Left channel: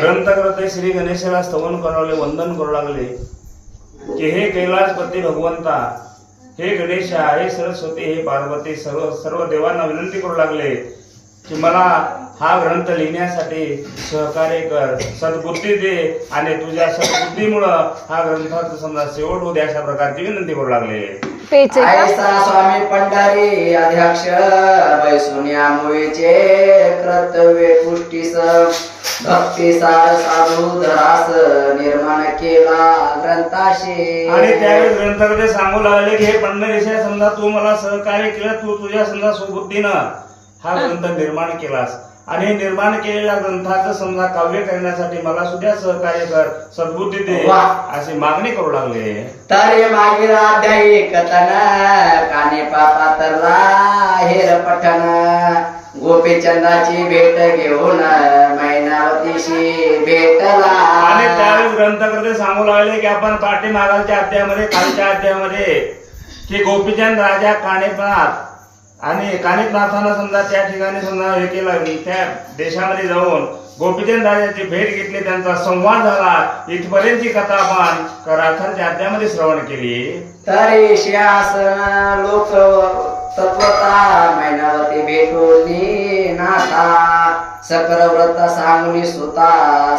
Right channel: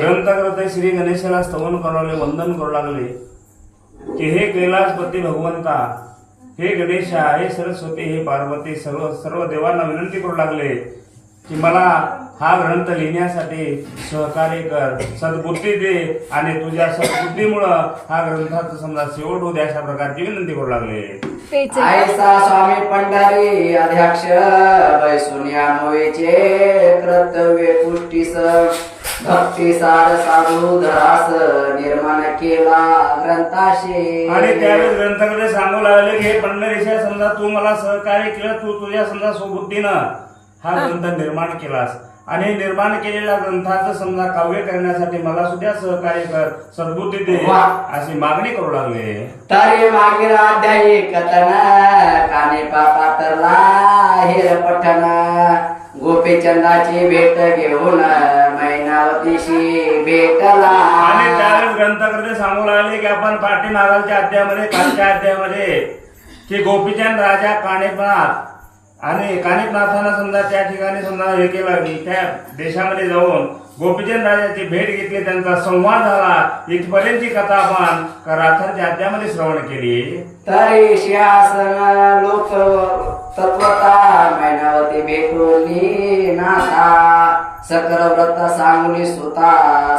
ग्रंथकर्ते श्री गणेशाला स्तवन करू लागले, वंदन करू लागले की हे कैलासपती भगवंता, हे गणेशा, हे सरस्वती, हे पार्वती, सर्व सर्व देवांना विनंती करू लागले की मला हा ग्रंथ लिहिण्यासाठी सहकार्य कर, सद्बुद्धी दे आणि तुझ्या सद्बुद्धीमुळं हा ग्रंथाचा समजा शेवट होऊ द्या, अशा प्रकारची विनंती करू लागले. ऐसा स्वामी पंढारी अध्यक्ष वैसुन्या मुळेचे कर्तव्य पुष्टीस भक्ती सार साधू धरास निर्माण केला ग्रंथाशी. आणि त्यावेळेस ग्रंथकर्ते सांगू लागले की हे पंढरीशा, समजा तू मला सहकार्य केलं, तू तुझ्या समजा स्वबुद्धीनं हा ग्रंथ निर्माण केलास आणि निर्माण केलेल्या ग्रंथाचं समजा काव्य करण्यासाठी मला सुद्धा सहकार्य कर, सद्बुद्धी दे, अशी मागणी करू लागले. तरी मागील अध्यायी कथन काने पापातरला हेर पठण गोपीचंदाची भेट घेऊन मैनावतीशी भेटला. आणि त्यावेळेस ग्रंथकर्ते सांगू लागले की आपण पाठीमागच्या अध्यायामध्ये, कालच्या अध्यायामध्ये की गोपीचंद राजा कानिपनाथ आणि कानिपनाथानं समजा त्या ठिकाणी समजा हे केलं, त्या देशामध्ये जाऊन गोपीचंद राजाची भेट घेतली, त्यांचा संवाद झाला, इथपर्यंतची कथा आपण कराथरच्या अध्यायामध्ये श्रवण केली. तरी सिंहासन लोक तत्वता मैनावती भेटून नाथा सकल व्रत सांगुनी सुता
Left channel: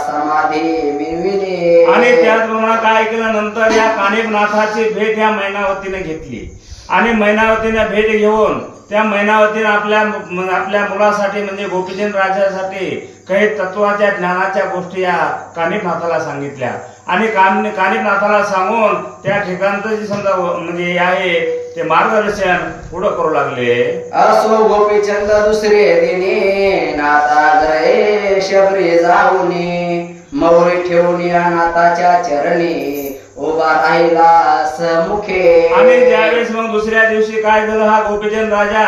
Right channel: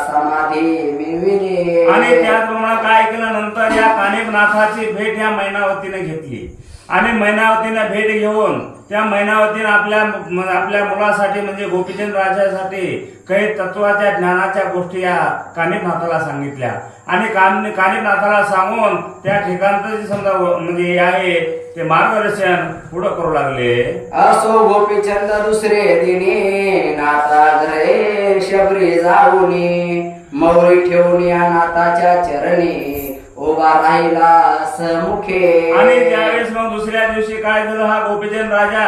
समाधी मिळविली. आणि त्याचप्रमाणे काय केलं, नंतर या कानिपनाथाची भेट या मैनावतीने घेतली आणि मैनावतीने भेट घेऊन त्या मैनावतीने आपल्या मुलासाठी म्हणजे गोपीचंद राजासाठी काही तत्वाच्या ज्ञानाच्या गोष्टी या कानिपनाथाला सांगितल्या आणि कानिपनाथाला सांगून त्या ठिकाणचं जे समजा म्हणजे आहे ते मार्गदर्शन पुढं करू लागले. असो गोपीचंद दुसरे दिनी नाथा घरे शबरी जाऊनी मौरी ठेवून या नाथाच्या चरणी उभा राहिला समुखे. आणि त्यावेळेस मग दुसऱ्या दिवशी काय झालं, हा गोपीचंद राजा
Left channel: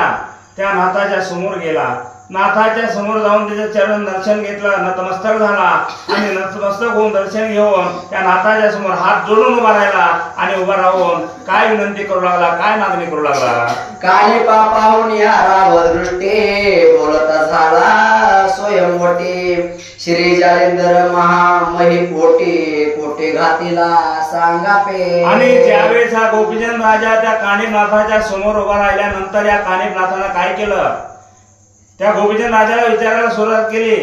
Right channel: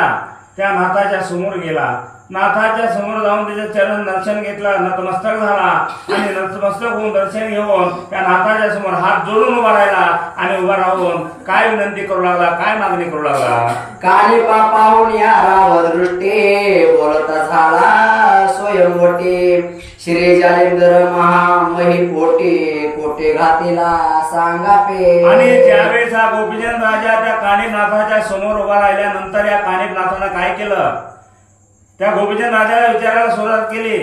त्या नाथाच्या समोर गेला, नाथाच्या समोर जाऊन त्याचं चरण दर्शन घेतलं, नतमस्तक झाला आणि नतमस्तक होऊन दर्शन घेऊन त्या नाथाच्या समोर हात जोडून उभा राहिला आणि उभा राहून काय विनंती करू लागला, काय मागणी करू लागला. कानी पापाहून या राव दृष्टी बोलता झाला स्वयंवटी श्री जालेंद्र महामही पोटी कोटे घातीला सांगा पे. आणि ज्यावेळेस हा गोपीचंद राजा त्या कानिपनाथाच्या समोर उभा राहिल्यानंतर या कानिपनाथानं काय केलं, त्या गोपीचंद राजाला विचारायला सुरुवात केली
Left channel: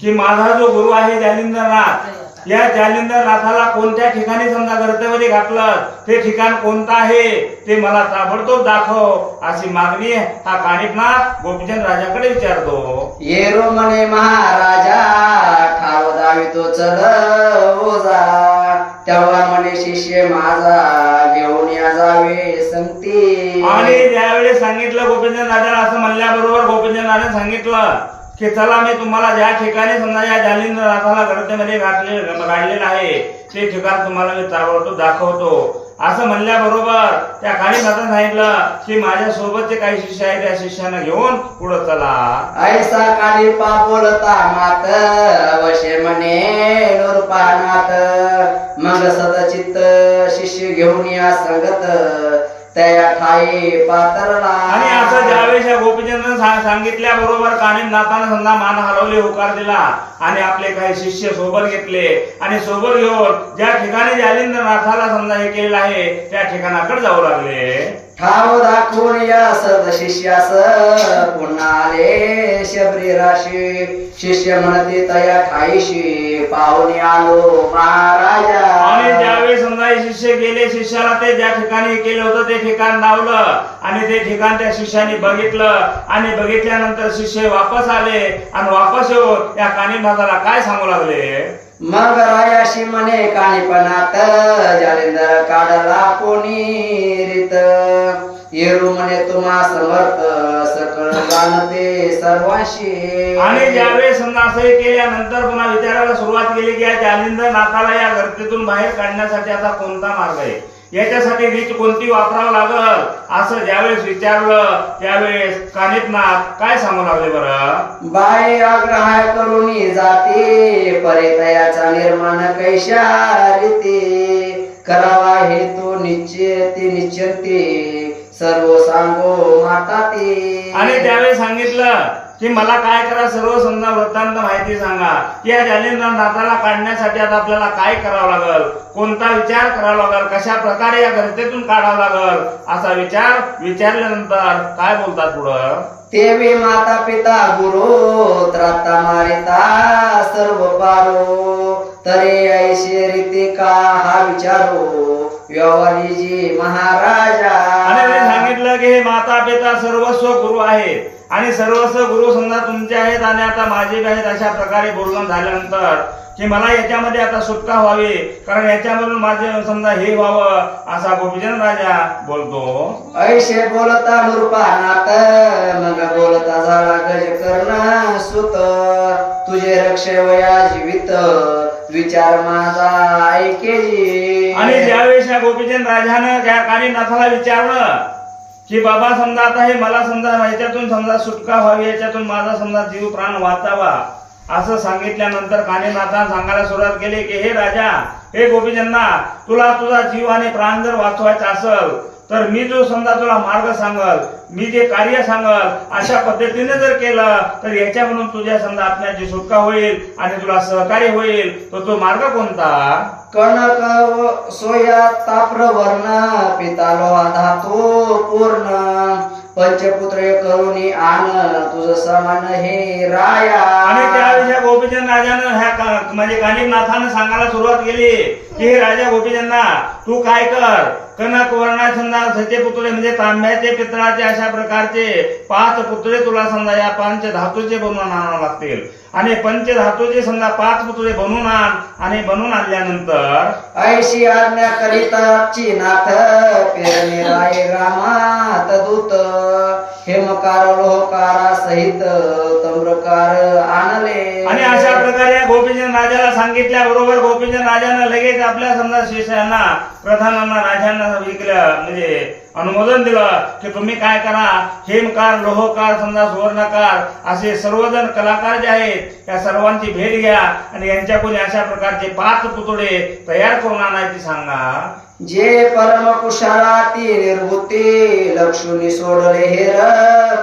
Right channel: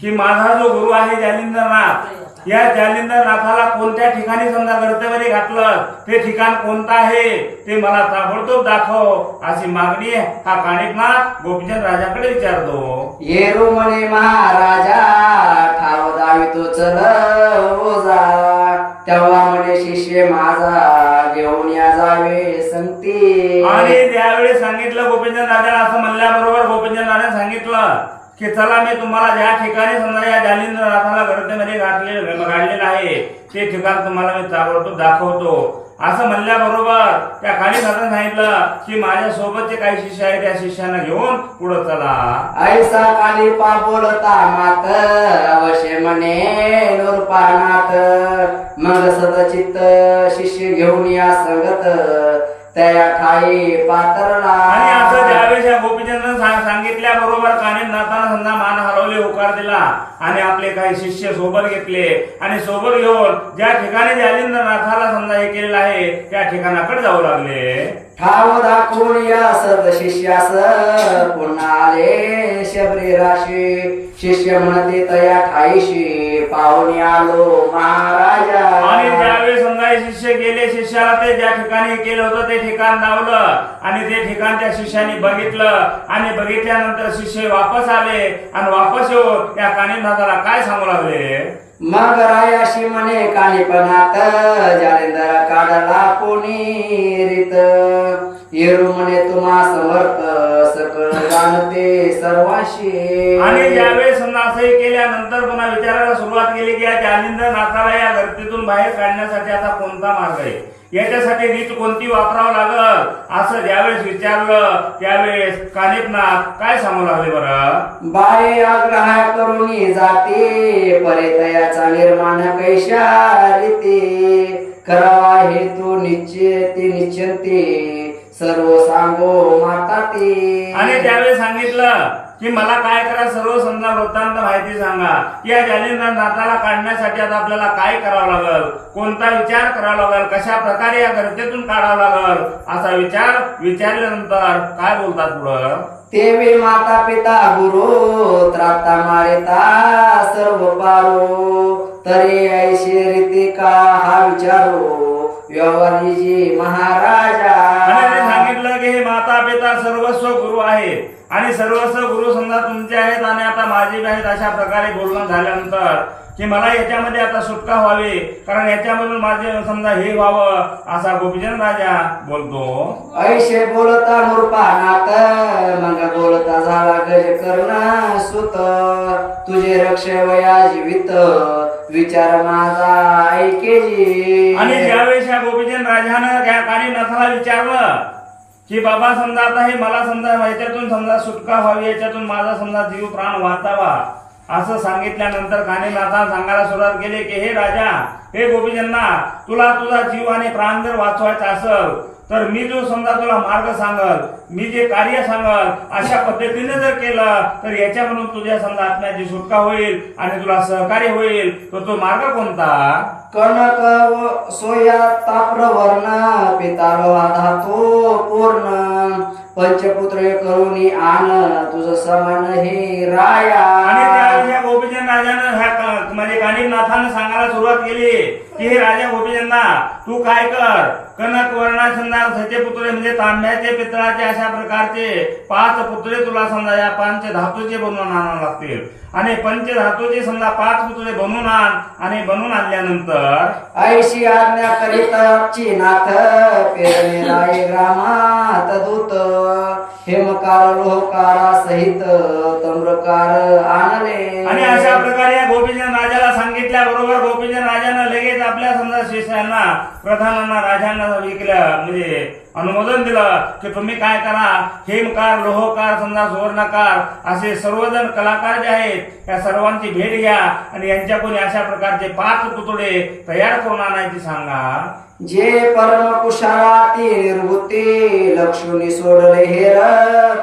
की माझा जो गुरु आहे जालिंदरनाथ, या जालिंदरनाथाला कोणत्या ठिकाणी समजा गर्तेमध्ये घातलं, ते ठिकाण कोणतं आहे ते मला ताबडतोब दाखव, अशी मागणी हा कानिपनाथ गोपीचंद राजाकडे विचारतो. येरो म्हणे महाराजा ठाव दावितो चल ओजा, तेव्हा म्हणे शिष्य माझा घेऊन या जावे संगती. आणि ज्यावेळी सांगितलं गोपीचंद राजाला, असं म्हणल्याबरोबर गोपीचंद राजाने सांगितलं की चला मी तुम्हाला ज्या ठिकाणी समजा या जालिंदरनाथाला गर्तेमध्ये गाडलेलं आहे ते ठिकाण तुम्हाला मी ताबडतोब दाखवतो, असं म्हणल्याबरोबर त्या कानिपनाथाने सांगितलं की माझ्या सोबतचे काही शिष्य आहेत, त्या शिष्यांना घेऊन पुढे चला. ऐसा कानिपा बोलता मात अवश्य म्हणे नूरपानात मग सदचित्त शिष्य घेऊन या संगत त्या ठाई पातरला. आणि असं ज्यावेळेस या गोपीचंदाने सांगितल्या बरोबर कानिपनाथाने समजा मान हलवले, होकार दिला आणि आपले काही शिष्य सोबत घेतले आणि सोबत घेऊन ज्या ठिकाणी जालिंदरनाथाला समजा हे केलेलं आहे त्या ठिकाणाकडे जाऊ लागले. ठाव दाखवून या सद शिष्यास पुन्हा आले शबरी राशी शिष्य म्हणते तया ठाईशी पाहून आलो महाराजा. आणि ज्यावेळी समजा हे शिष्य गेले, शिष्याला ते ज्या ठिकाणी केलं होतं ते ठिकाण दावलं आणि ते ठिकाण त्या शिष्याने बघितलं आणि बघितल्यानंतर शिष्य वापस आले आणि वापस येऊन त्या कानिपनाथाला काय सांगू लागले. मग रायाशी म्हणे कानिपनाथ जालिंदर काढला कोणी रीत येरू म्हणे तुम्हा समर्थ सकळ जाणते सर्वांशी. आणि ज्यावेळेस समजा असं केल्यानंतर पुन्हा विचारायला सुरुवात केली की या जालिंदरनाथाला या गर्दीतून बाहेर काढण्यासाठी आता कोणता मार्ग आहे, याच्यासाठी रीत कोणती वापरावं लागल, असं ज्यावेळेस विचारलं त्यावेळेस कानिपनाथ काय सांगू लागले. बरं, बाय आग्रह करून जाते परितयाचा निर्माण कैशा रीती करावा हेतू निश्चिंती सर्व सांगो माता ते. आणि त्यावेळेस सांगितलं की मला काय करा, सर्व समजा वृत्तांत माहिती सांगा. या जालिंदर नाथाला काढण्यासाठी आता आपल्याला काय करावं लागल, कोणता विचार करावा लागल, कशा प्रकारे या गर्तेतून काढावं लागल, असा विचार विचारल्यानंतर काय बोलतात पुढं. तेवी माता पिता गुरु त्राता मारिता सर्व पारो तरी ऐशी रीती का हा विचारो व्यवहारीजी महाराजा. आणि त्यांनी सांगितलं की हे माता पिता सर्वस्व गुरु आहे आणि सर्वस्व गुरु समजा तुमचे आहेत आणि आता माझे बी आहेत. अशा प्रकारे बोलणं झाल्यानंतर की मला याच्यामध्ये आता सुटका व्हावी, कारण याच्यामधून माझे समजा हे व्हावं, असा गोपीचंद राजा बोलतो. ऐशे बोलता नृपानाथ मग बोलता झाला गज कर्ण सुत तुझे रक्ष वया जीवित विचार माझा ऐकेजी. आणि ज्यावेळेस या गोपीचंद राजानं त्या कानीनाथाला विचारलं की बाबा समजा आता हे मला समजा याच्यातून समजा सुटका व्हावी, याच्यातून माझा समजा जीव प्राण वाचावा, असं सांगितल्यानंतर कानीनाथानं सांगायला सुरुवात केली की हे राजा, हे गोपीचंदा, तुला तुझा जीव आणि प्राण जर वाचवायचा असेल तर मी जो समजा तुला मार्ग सांगल, मी जे कार्य सांगल, अशा पद्धतीने जर केलं तर याच्यामधून तुझ्या समजा आत्म्याची सुटका होईल आणि तुला सहकार्य होईल. तर तो मार्ग कोणता. कनक सोया ताप्रवर्ण पिता लोहा धातू पूर्ण पंचपुत्र करुणी आन तुझ समान हे राया. आणि त्यावेळी गोपीचंद राजानं म्हणजे कानिनाथानं सांगायला सुरुवात केली की हे राजा गोपीचंदा, तू काय कर, कनक वर्णा समजा सचे पुतळे म्हणजे तांब्याचे पितळाचे अशा प्रकारचे 5 पुतळे तुला समजा या 5 धातूचे बनवून आणावे लागतील आणि 5 धातूचे समजा 5 पुतळे बनवून आण. आणि बनवून आणल्यानंतर ऐशी आज्ञा करिताची नाथ पेरणे राय ग्रामात दूत हेमकार लोहकारा सहित तम्रकार आणले. आणि अशा प्रकारे गोपीचंद राजाला सांगितल्या बरोबर गोपीचंद राजानं लगेच आपल्या समजा शिष्यांना प्रधानांना राजांना विकलं म्हणजे अनुमोदन दिलं की तुम्ही काय करा, हेमकार लोहकार समजा सुवर्णकार असे सर्वजण कलाकार जे आहेत या सर्वांची भेट घ्या आणि यांच्याकडून अशा प्रकारचे 5 पुतळे तयार करून आणायची सांगा. जे परम कुशालाती निर्वृत्ती लक्ष्मी सोडले हेर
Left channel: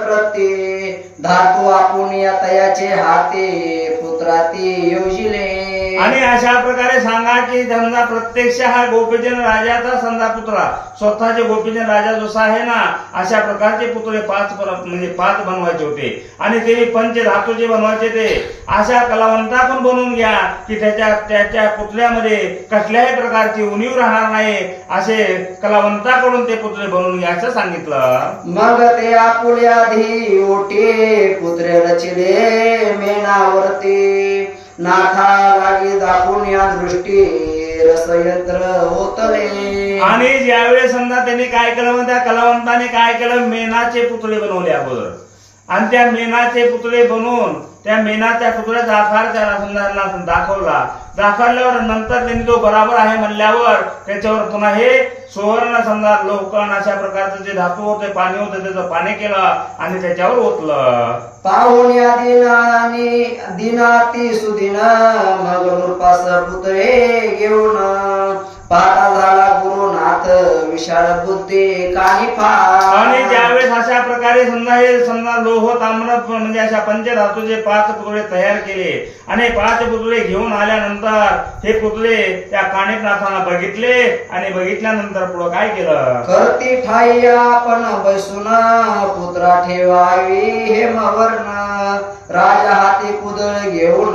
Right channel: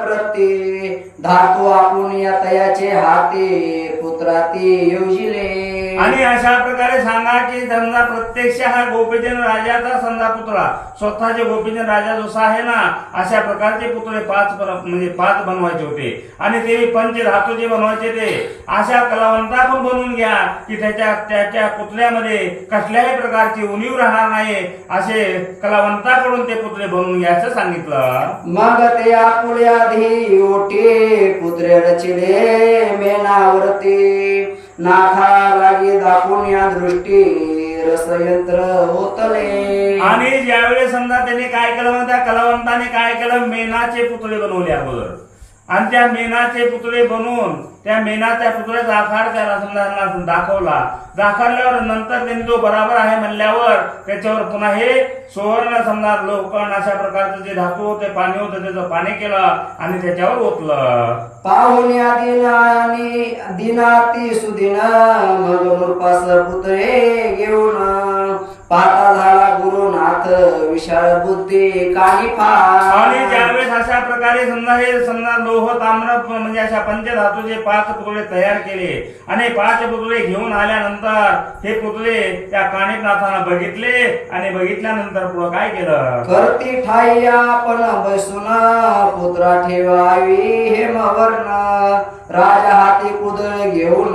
प्रती धातू आपण या तयाचे हाती पुत्राती योजिले. आणि अशा प्रकारे सांगा की समजा प्रत्यक्ष हा गोपीचंद राजाचा समजा पुतळा स्वतःचे गोपीचंद राजा जसा आहे ना, अशा प्रकारचे पुतळे 5 बनवायचे होते आणि ते पंचधातूचे बनवायचे. ते अशा कलावंताकडून बनवून घ्या की त्याच्या पुतळ्यामध्ये कसल्याही प्रकारची उणीव राहणार नाही, असे कलावंताकडून ते पुतळे बनवून घ्या असं सांगितलं. मग ते आपुल्या धी ओटे पुत्रे रचिले मेनावरती नाथा लागे दाखवून या दृष्टी रसयंत्र होतले. आणि ज्यावेळेस समजा त्यांनी काय केलं, त्या कलावंताने काय केलं, मेनाचे पुतळे बनवले अगोदर आणि त्या मेनाचे पुतळे बनवून त्या मेनाच्या पुतळ्याचा आकार त्याला समजा दाखवला. दाखवल्यावर नंतर त्यांनी तो बराबर आहे म्हणल्यावर त्याच्यावर पुन्हा हे सुवर्ण समजा लोहकण अशा प्रकारचं जे धातू होते पाणी होतं त्याचं पाणी केलं आणि त्याच्यावर ओतलं. पाहुण्या दिनानी दिनाती सुदिन मग नृपास पुतळे घेऊन पाहता झाला गुरुनाथ विशाल बुद्धी कानी आणि ज्यावेळेस अशा प्रकारे समजा हे समजा लोह ताम्र म्हणजे अशा पंचधातूचे 5 पुतळे तयार केले आणि 5 पुतळे घेऊन आल्यानंतर हे पुतळे त्या कानिनाथांना बघितले आणि बघितल्यानंतर पुढे काय केलं, करती ठाई आपण बसून पुत्रा ठेवावी हेमवर्ण राजा हाती कुदळ घेऊन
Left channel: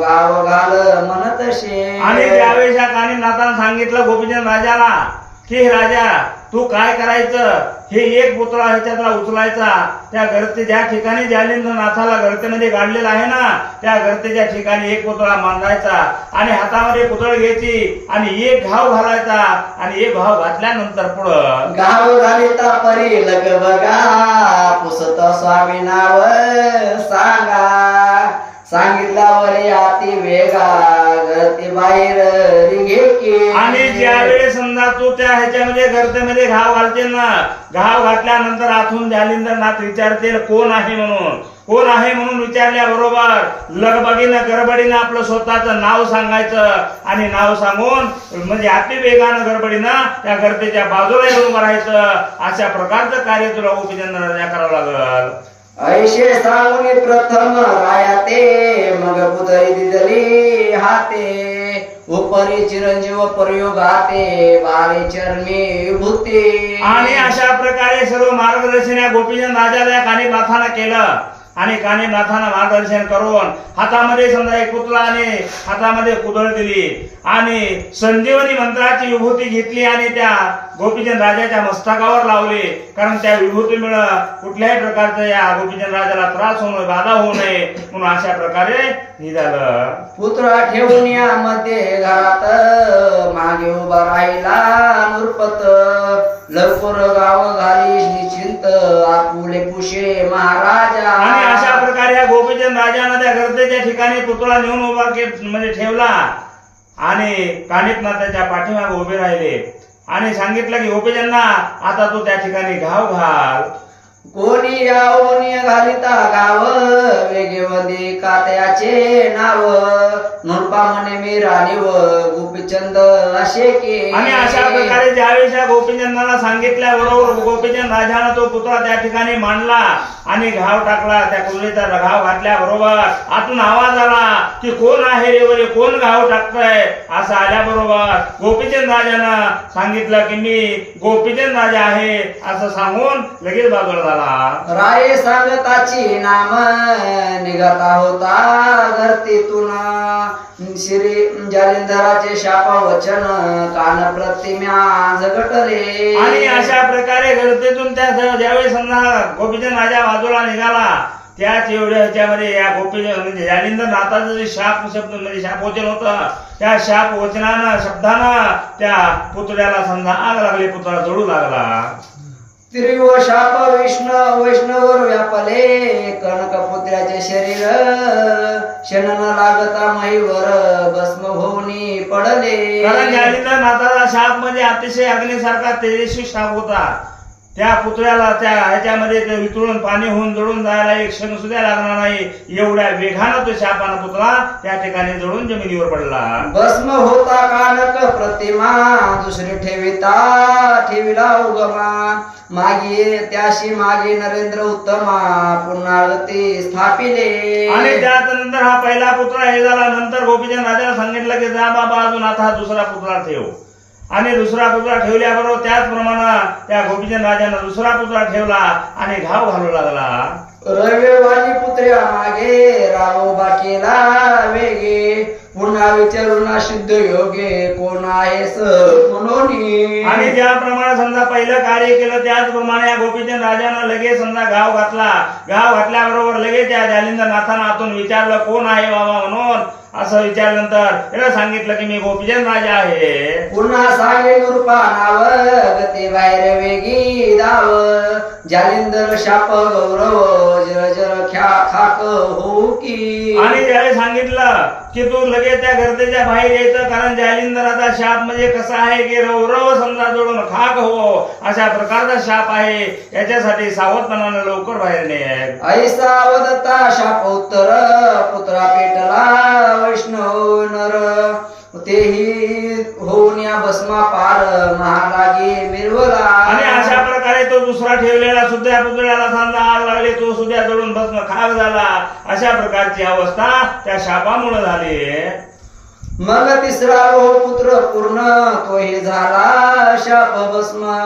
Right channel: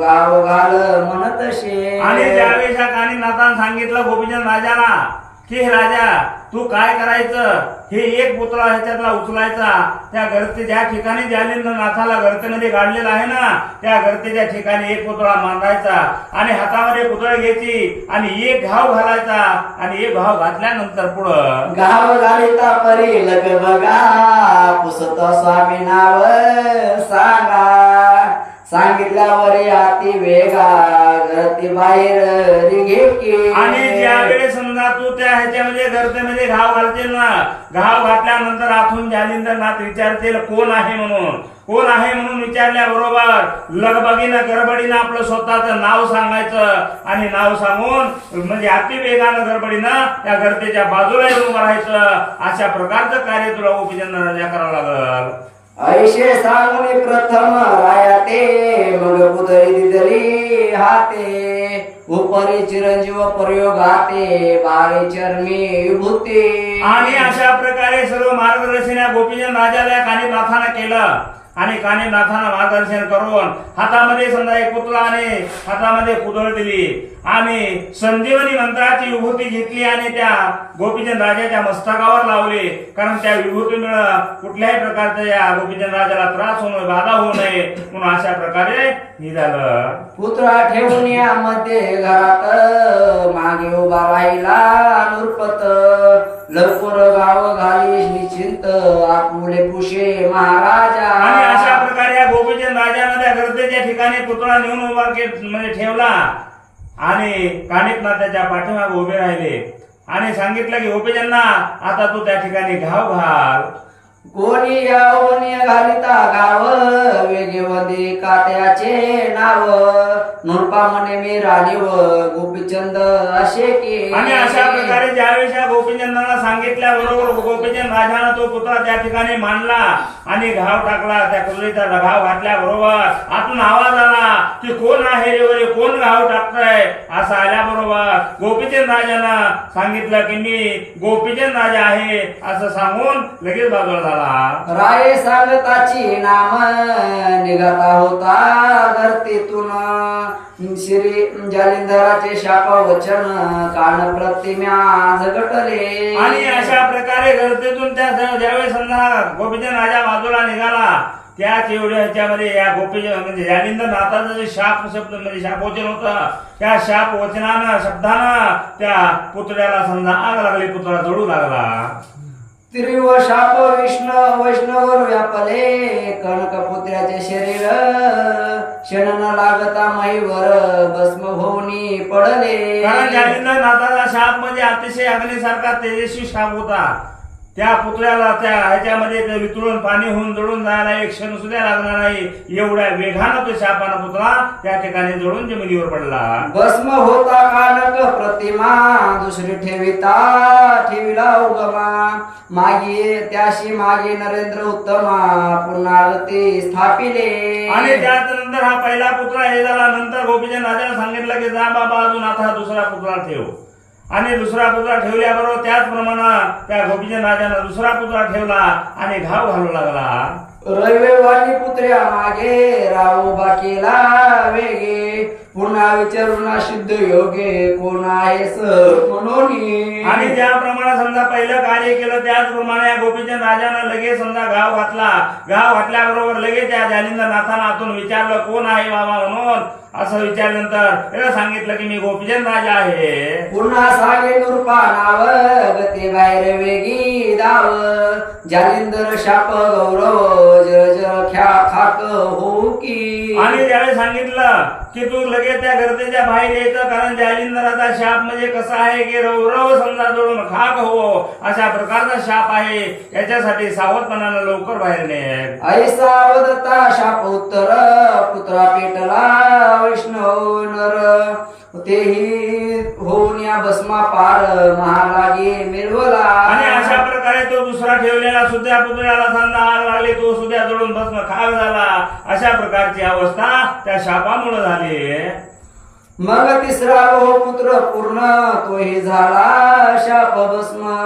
गाव घाल म्हणतशे. आणि ज्यावेळेस या कानिनाथानं सांगितलं गोपीचंद राजाला की राजा तू काय करायचं, हे एक पुतळा ह्याच्यातला उचलायचा, त्या गर्ते ज्या ठिकाणी जालिंदर नाथाला गर्तेमध्ये गाडलेला आहे ना त्या गर्तेच्या ठिकाणी एक पुतळा मांडायचा आणि हातामध्ये पुतळ घ्यायची आणि एक घाव घालायचा आणि एक घाव घातल्यानंतर पुढं गाव घालिता परी लग बघा पुसत स्वामी नाव सांगा सांगितल्यावर आती वेगा गर्ती बाहेर रिघे की. आणि ज्यावेळेस समजा तू त्या ह्याच्यामध्ये गर्तेमध्ये घाव घालतील ना, घाव घातल्यानंतर आतून जालिंदर नाथ विचारतील कोण आहे म्हणून. कोण आहे म्हणून विचारल्याबरोबर लगबगीनं गडबडीनं आपलं स्वतःचं नाव सांगायचं आणि नाव सांगून म्हणजे अति वेगानं गडबडीनं त्या गर्तेच्या बाजूला येऊन उभं राहायचं. अशा प्रकारचं कार्य तुला गोपीचंद राजा करावं लागल. ऐशे सांगून प्रथम राया ते मग बुधई दिदली हाते उपरी चिरंजीव प्रयोग हाते बारे चरमी विभूती. आणि अशा प्रकारे सर्व मार्गदर्शन या गोपीचंद राजाला कानिफनाथानं केलं. आणि कानिफनाथानं मार्गदर्शन करून हातामध्ये समजा एक पुतळा आणि हातामध्ये कुदळ दिली आणि संजीवनी मंत्राची विभूती घेतली आणि त्या गोपीचंद राजाच्या मस्तकावर लावली. कारण त्या विभूतीमुळे कुठल्याही प्रकारचा या गोपीचंद राजाला त्रास होऊ नये, बाधा होऊ नये म्हणून अशा प्रकारे हे झालं. पुतळा ठेवून यामध्ये घरात मागे उभा राहिला नृपत लवकर गाव घाली निश्चिंत आपुले पुषे महाराजा. आणि अशा प्रकारे या गोपीचंद राजानं त्या गर्दीच्या ठिकाणी पुतळा नेऊन उभा म्हणजे ठेवला आणि कानिफनाथाच्या पाठीमागे उभे राहिले आणि सांगितलं की गोपीचंदा आता तू त्या ठिकाणी घाव घाल. कोणी यावनी घालिता गाव वेगेवंदी कात्याचे नाव नृपा म्हणे मी राणीव गोपीचंद असे की. आणि अशा प्रकारे ज्यावेळेस या गोपीचंदाला सांगितल्याबरोबर गोपीचंद राजानं तो पुतळा त्या ठिकाणी मांडला आणि घाव टाकला. त्या कुदळीचा घाव घातल्याबरोबर आतून आवाज आला की कोण आहे रे वरे, कोण घाव टाकतंय. असं आल्याबरोबर गोपीचंद राजानं सांगितलं की मी गोपीचंद राजा आहे असं सांगून लगेच बाजूला झाला. राये सांगताची नाम निघता होता धरतीतून श्री जालिंधराचे शाप वचन कान प्रतिम्या झगटले. आणि अशा प्रकारे गर्दीतून त्या ज्यावेळेस समजा गोपीचंद राजा बाजूला निघाला त्याच एवढ्या ह्याच्यामध्ये या गोपीचंद म्हणजे जालिंधर नाथाचं जे शाप शब्द म्हणजे शाप वचन होतं त्या शाप वचनानं शब्दानं त्या पुतळ्याला समजा आग लागली, पुतळा जळू लागला. त्रिव शाप वैष्णवर व्यापले कनकपुत्र्याचे शरीर क्षण न लागता महीवर भस्म होऊनी पडले. कारण जालिंधर नाथाचा शाप म्हणजे अतिशय अग्नीसारखा तेजस्वी शाप होता. त्या पुतळ्याला त्या ह्याच्यामध्ये ते वितळून पाणी होऊन जळून जायला एक क्षण सुद्धा लागणार नाही एवढ्या वेगानं तो शापानं पुतळा त्या ठिकाणी जळून जमिनीवर पडला. भस्म होता कानक प्रतिमा दुसरी ठेविला उगमा मागे त्याशी मागे नरेंद्र उत्तमा पुन्हा ते स्थापिले. आणि त्यानंतर हा पहिला पुतळा हे झाला. नंतर गोपीचंद राजाला सांगितलं की जा बाबा अजून आता हा दुसरा पुतळा ठेव. आणि दुसरा पुतळा ठेवल्याबरोबर त्याचप्रमाणे त्या गोपीचंद राजानं दुसरा पुतळा ठेवला आणि घाव घालू लागला. रविवारी पुत्र्या मागे रावोबा केला वेगे पुन्हा विचारून सिद्ध योगे कोण आहेस म्हणून. आणि ज्याप्रमाणे समजा पहिलं कार्य केलं त्याचप्रमाणे या गोपीचंद राजानं लगेच समजा घाव घातला. घाव घातल्याबरोबर लगेच त्या जालिंधर नाथानं आतून विचारलं कोण आहे बाबा म्हणून. असं विचारल्यानंतर त्याला सांगितलं की मी गोपीचंद राजा आहे. पुन्हा सांगे नृपा नाव गती बाहेर वेगी दाव जालिंदर शाप गौरव जर जर खाक होऊ की. आणि त्यावेळी सांगितलं की तू लगेच त्या गर्दीच्या बाहेर यायचं कारण जालिंदराचा शाप म्हणजे कसा आहे की रवरव समजा जळून खाक हो अशा प्रकारचा शाप आहे. याच्यासाठी सावधपणानं लवकर बाहेर नाही. ऐसा वदता शाप उत्तर पुत्रा पेटला वैष्णव नर तेही होऊन या भस्मा पार महालागे मिरवला. आणि अशा प्रकारे तो दुसरा ठेवलेला सुद्धा पुतळ्याला समजा आग लागली, तो सुद्धा जळून भस्म खाक झाला. अशा प्रकारची अवस्था त्या शापामुळे झाली. मग तिसरा पुत्र पूर्ण तोही झाला शाप भस्म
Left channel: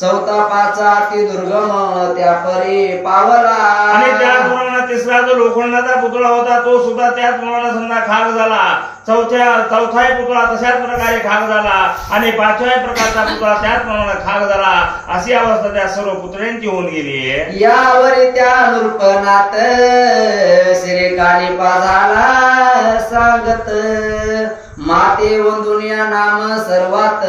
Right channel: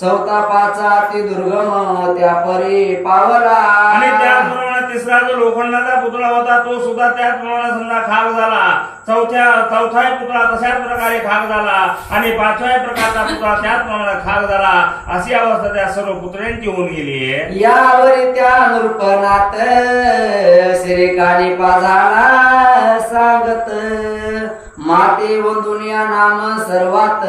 चौथा पाचा अति दुर्गम त्या परी पावला. आणि त्याचप्रमाणे तिसरा जो लोखंडाचा पुतळा होता तो सुद्धा त्याचप्रमाणे समजा खाक झाला. चौथाही पुतळा तशाच प्रकारे खाक झाला आणि पाचव्या प्रकारचा पुतळा त्याचप्रमाणे खाक झाला. अशी अवस्था त्या सर्व पुतळ्यांची होऊन गेली. यावर त्या नृपनाथ श्री कानिपा झाला सांगत माते वंदुन या नाम सर्वात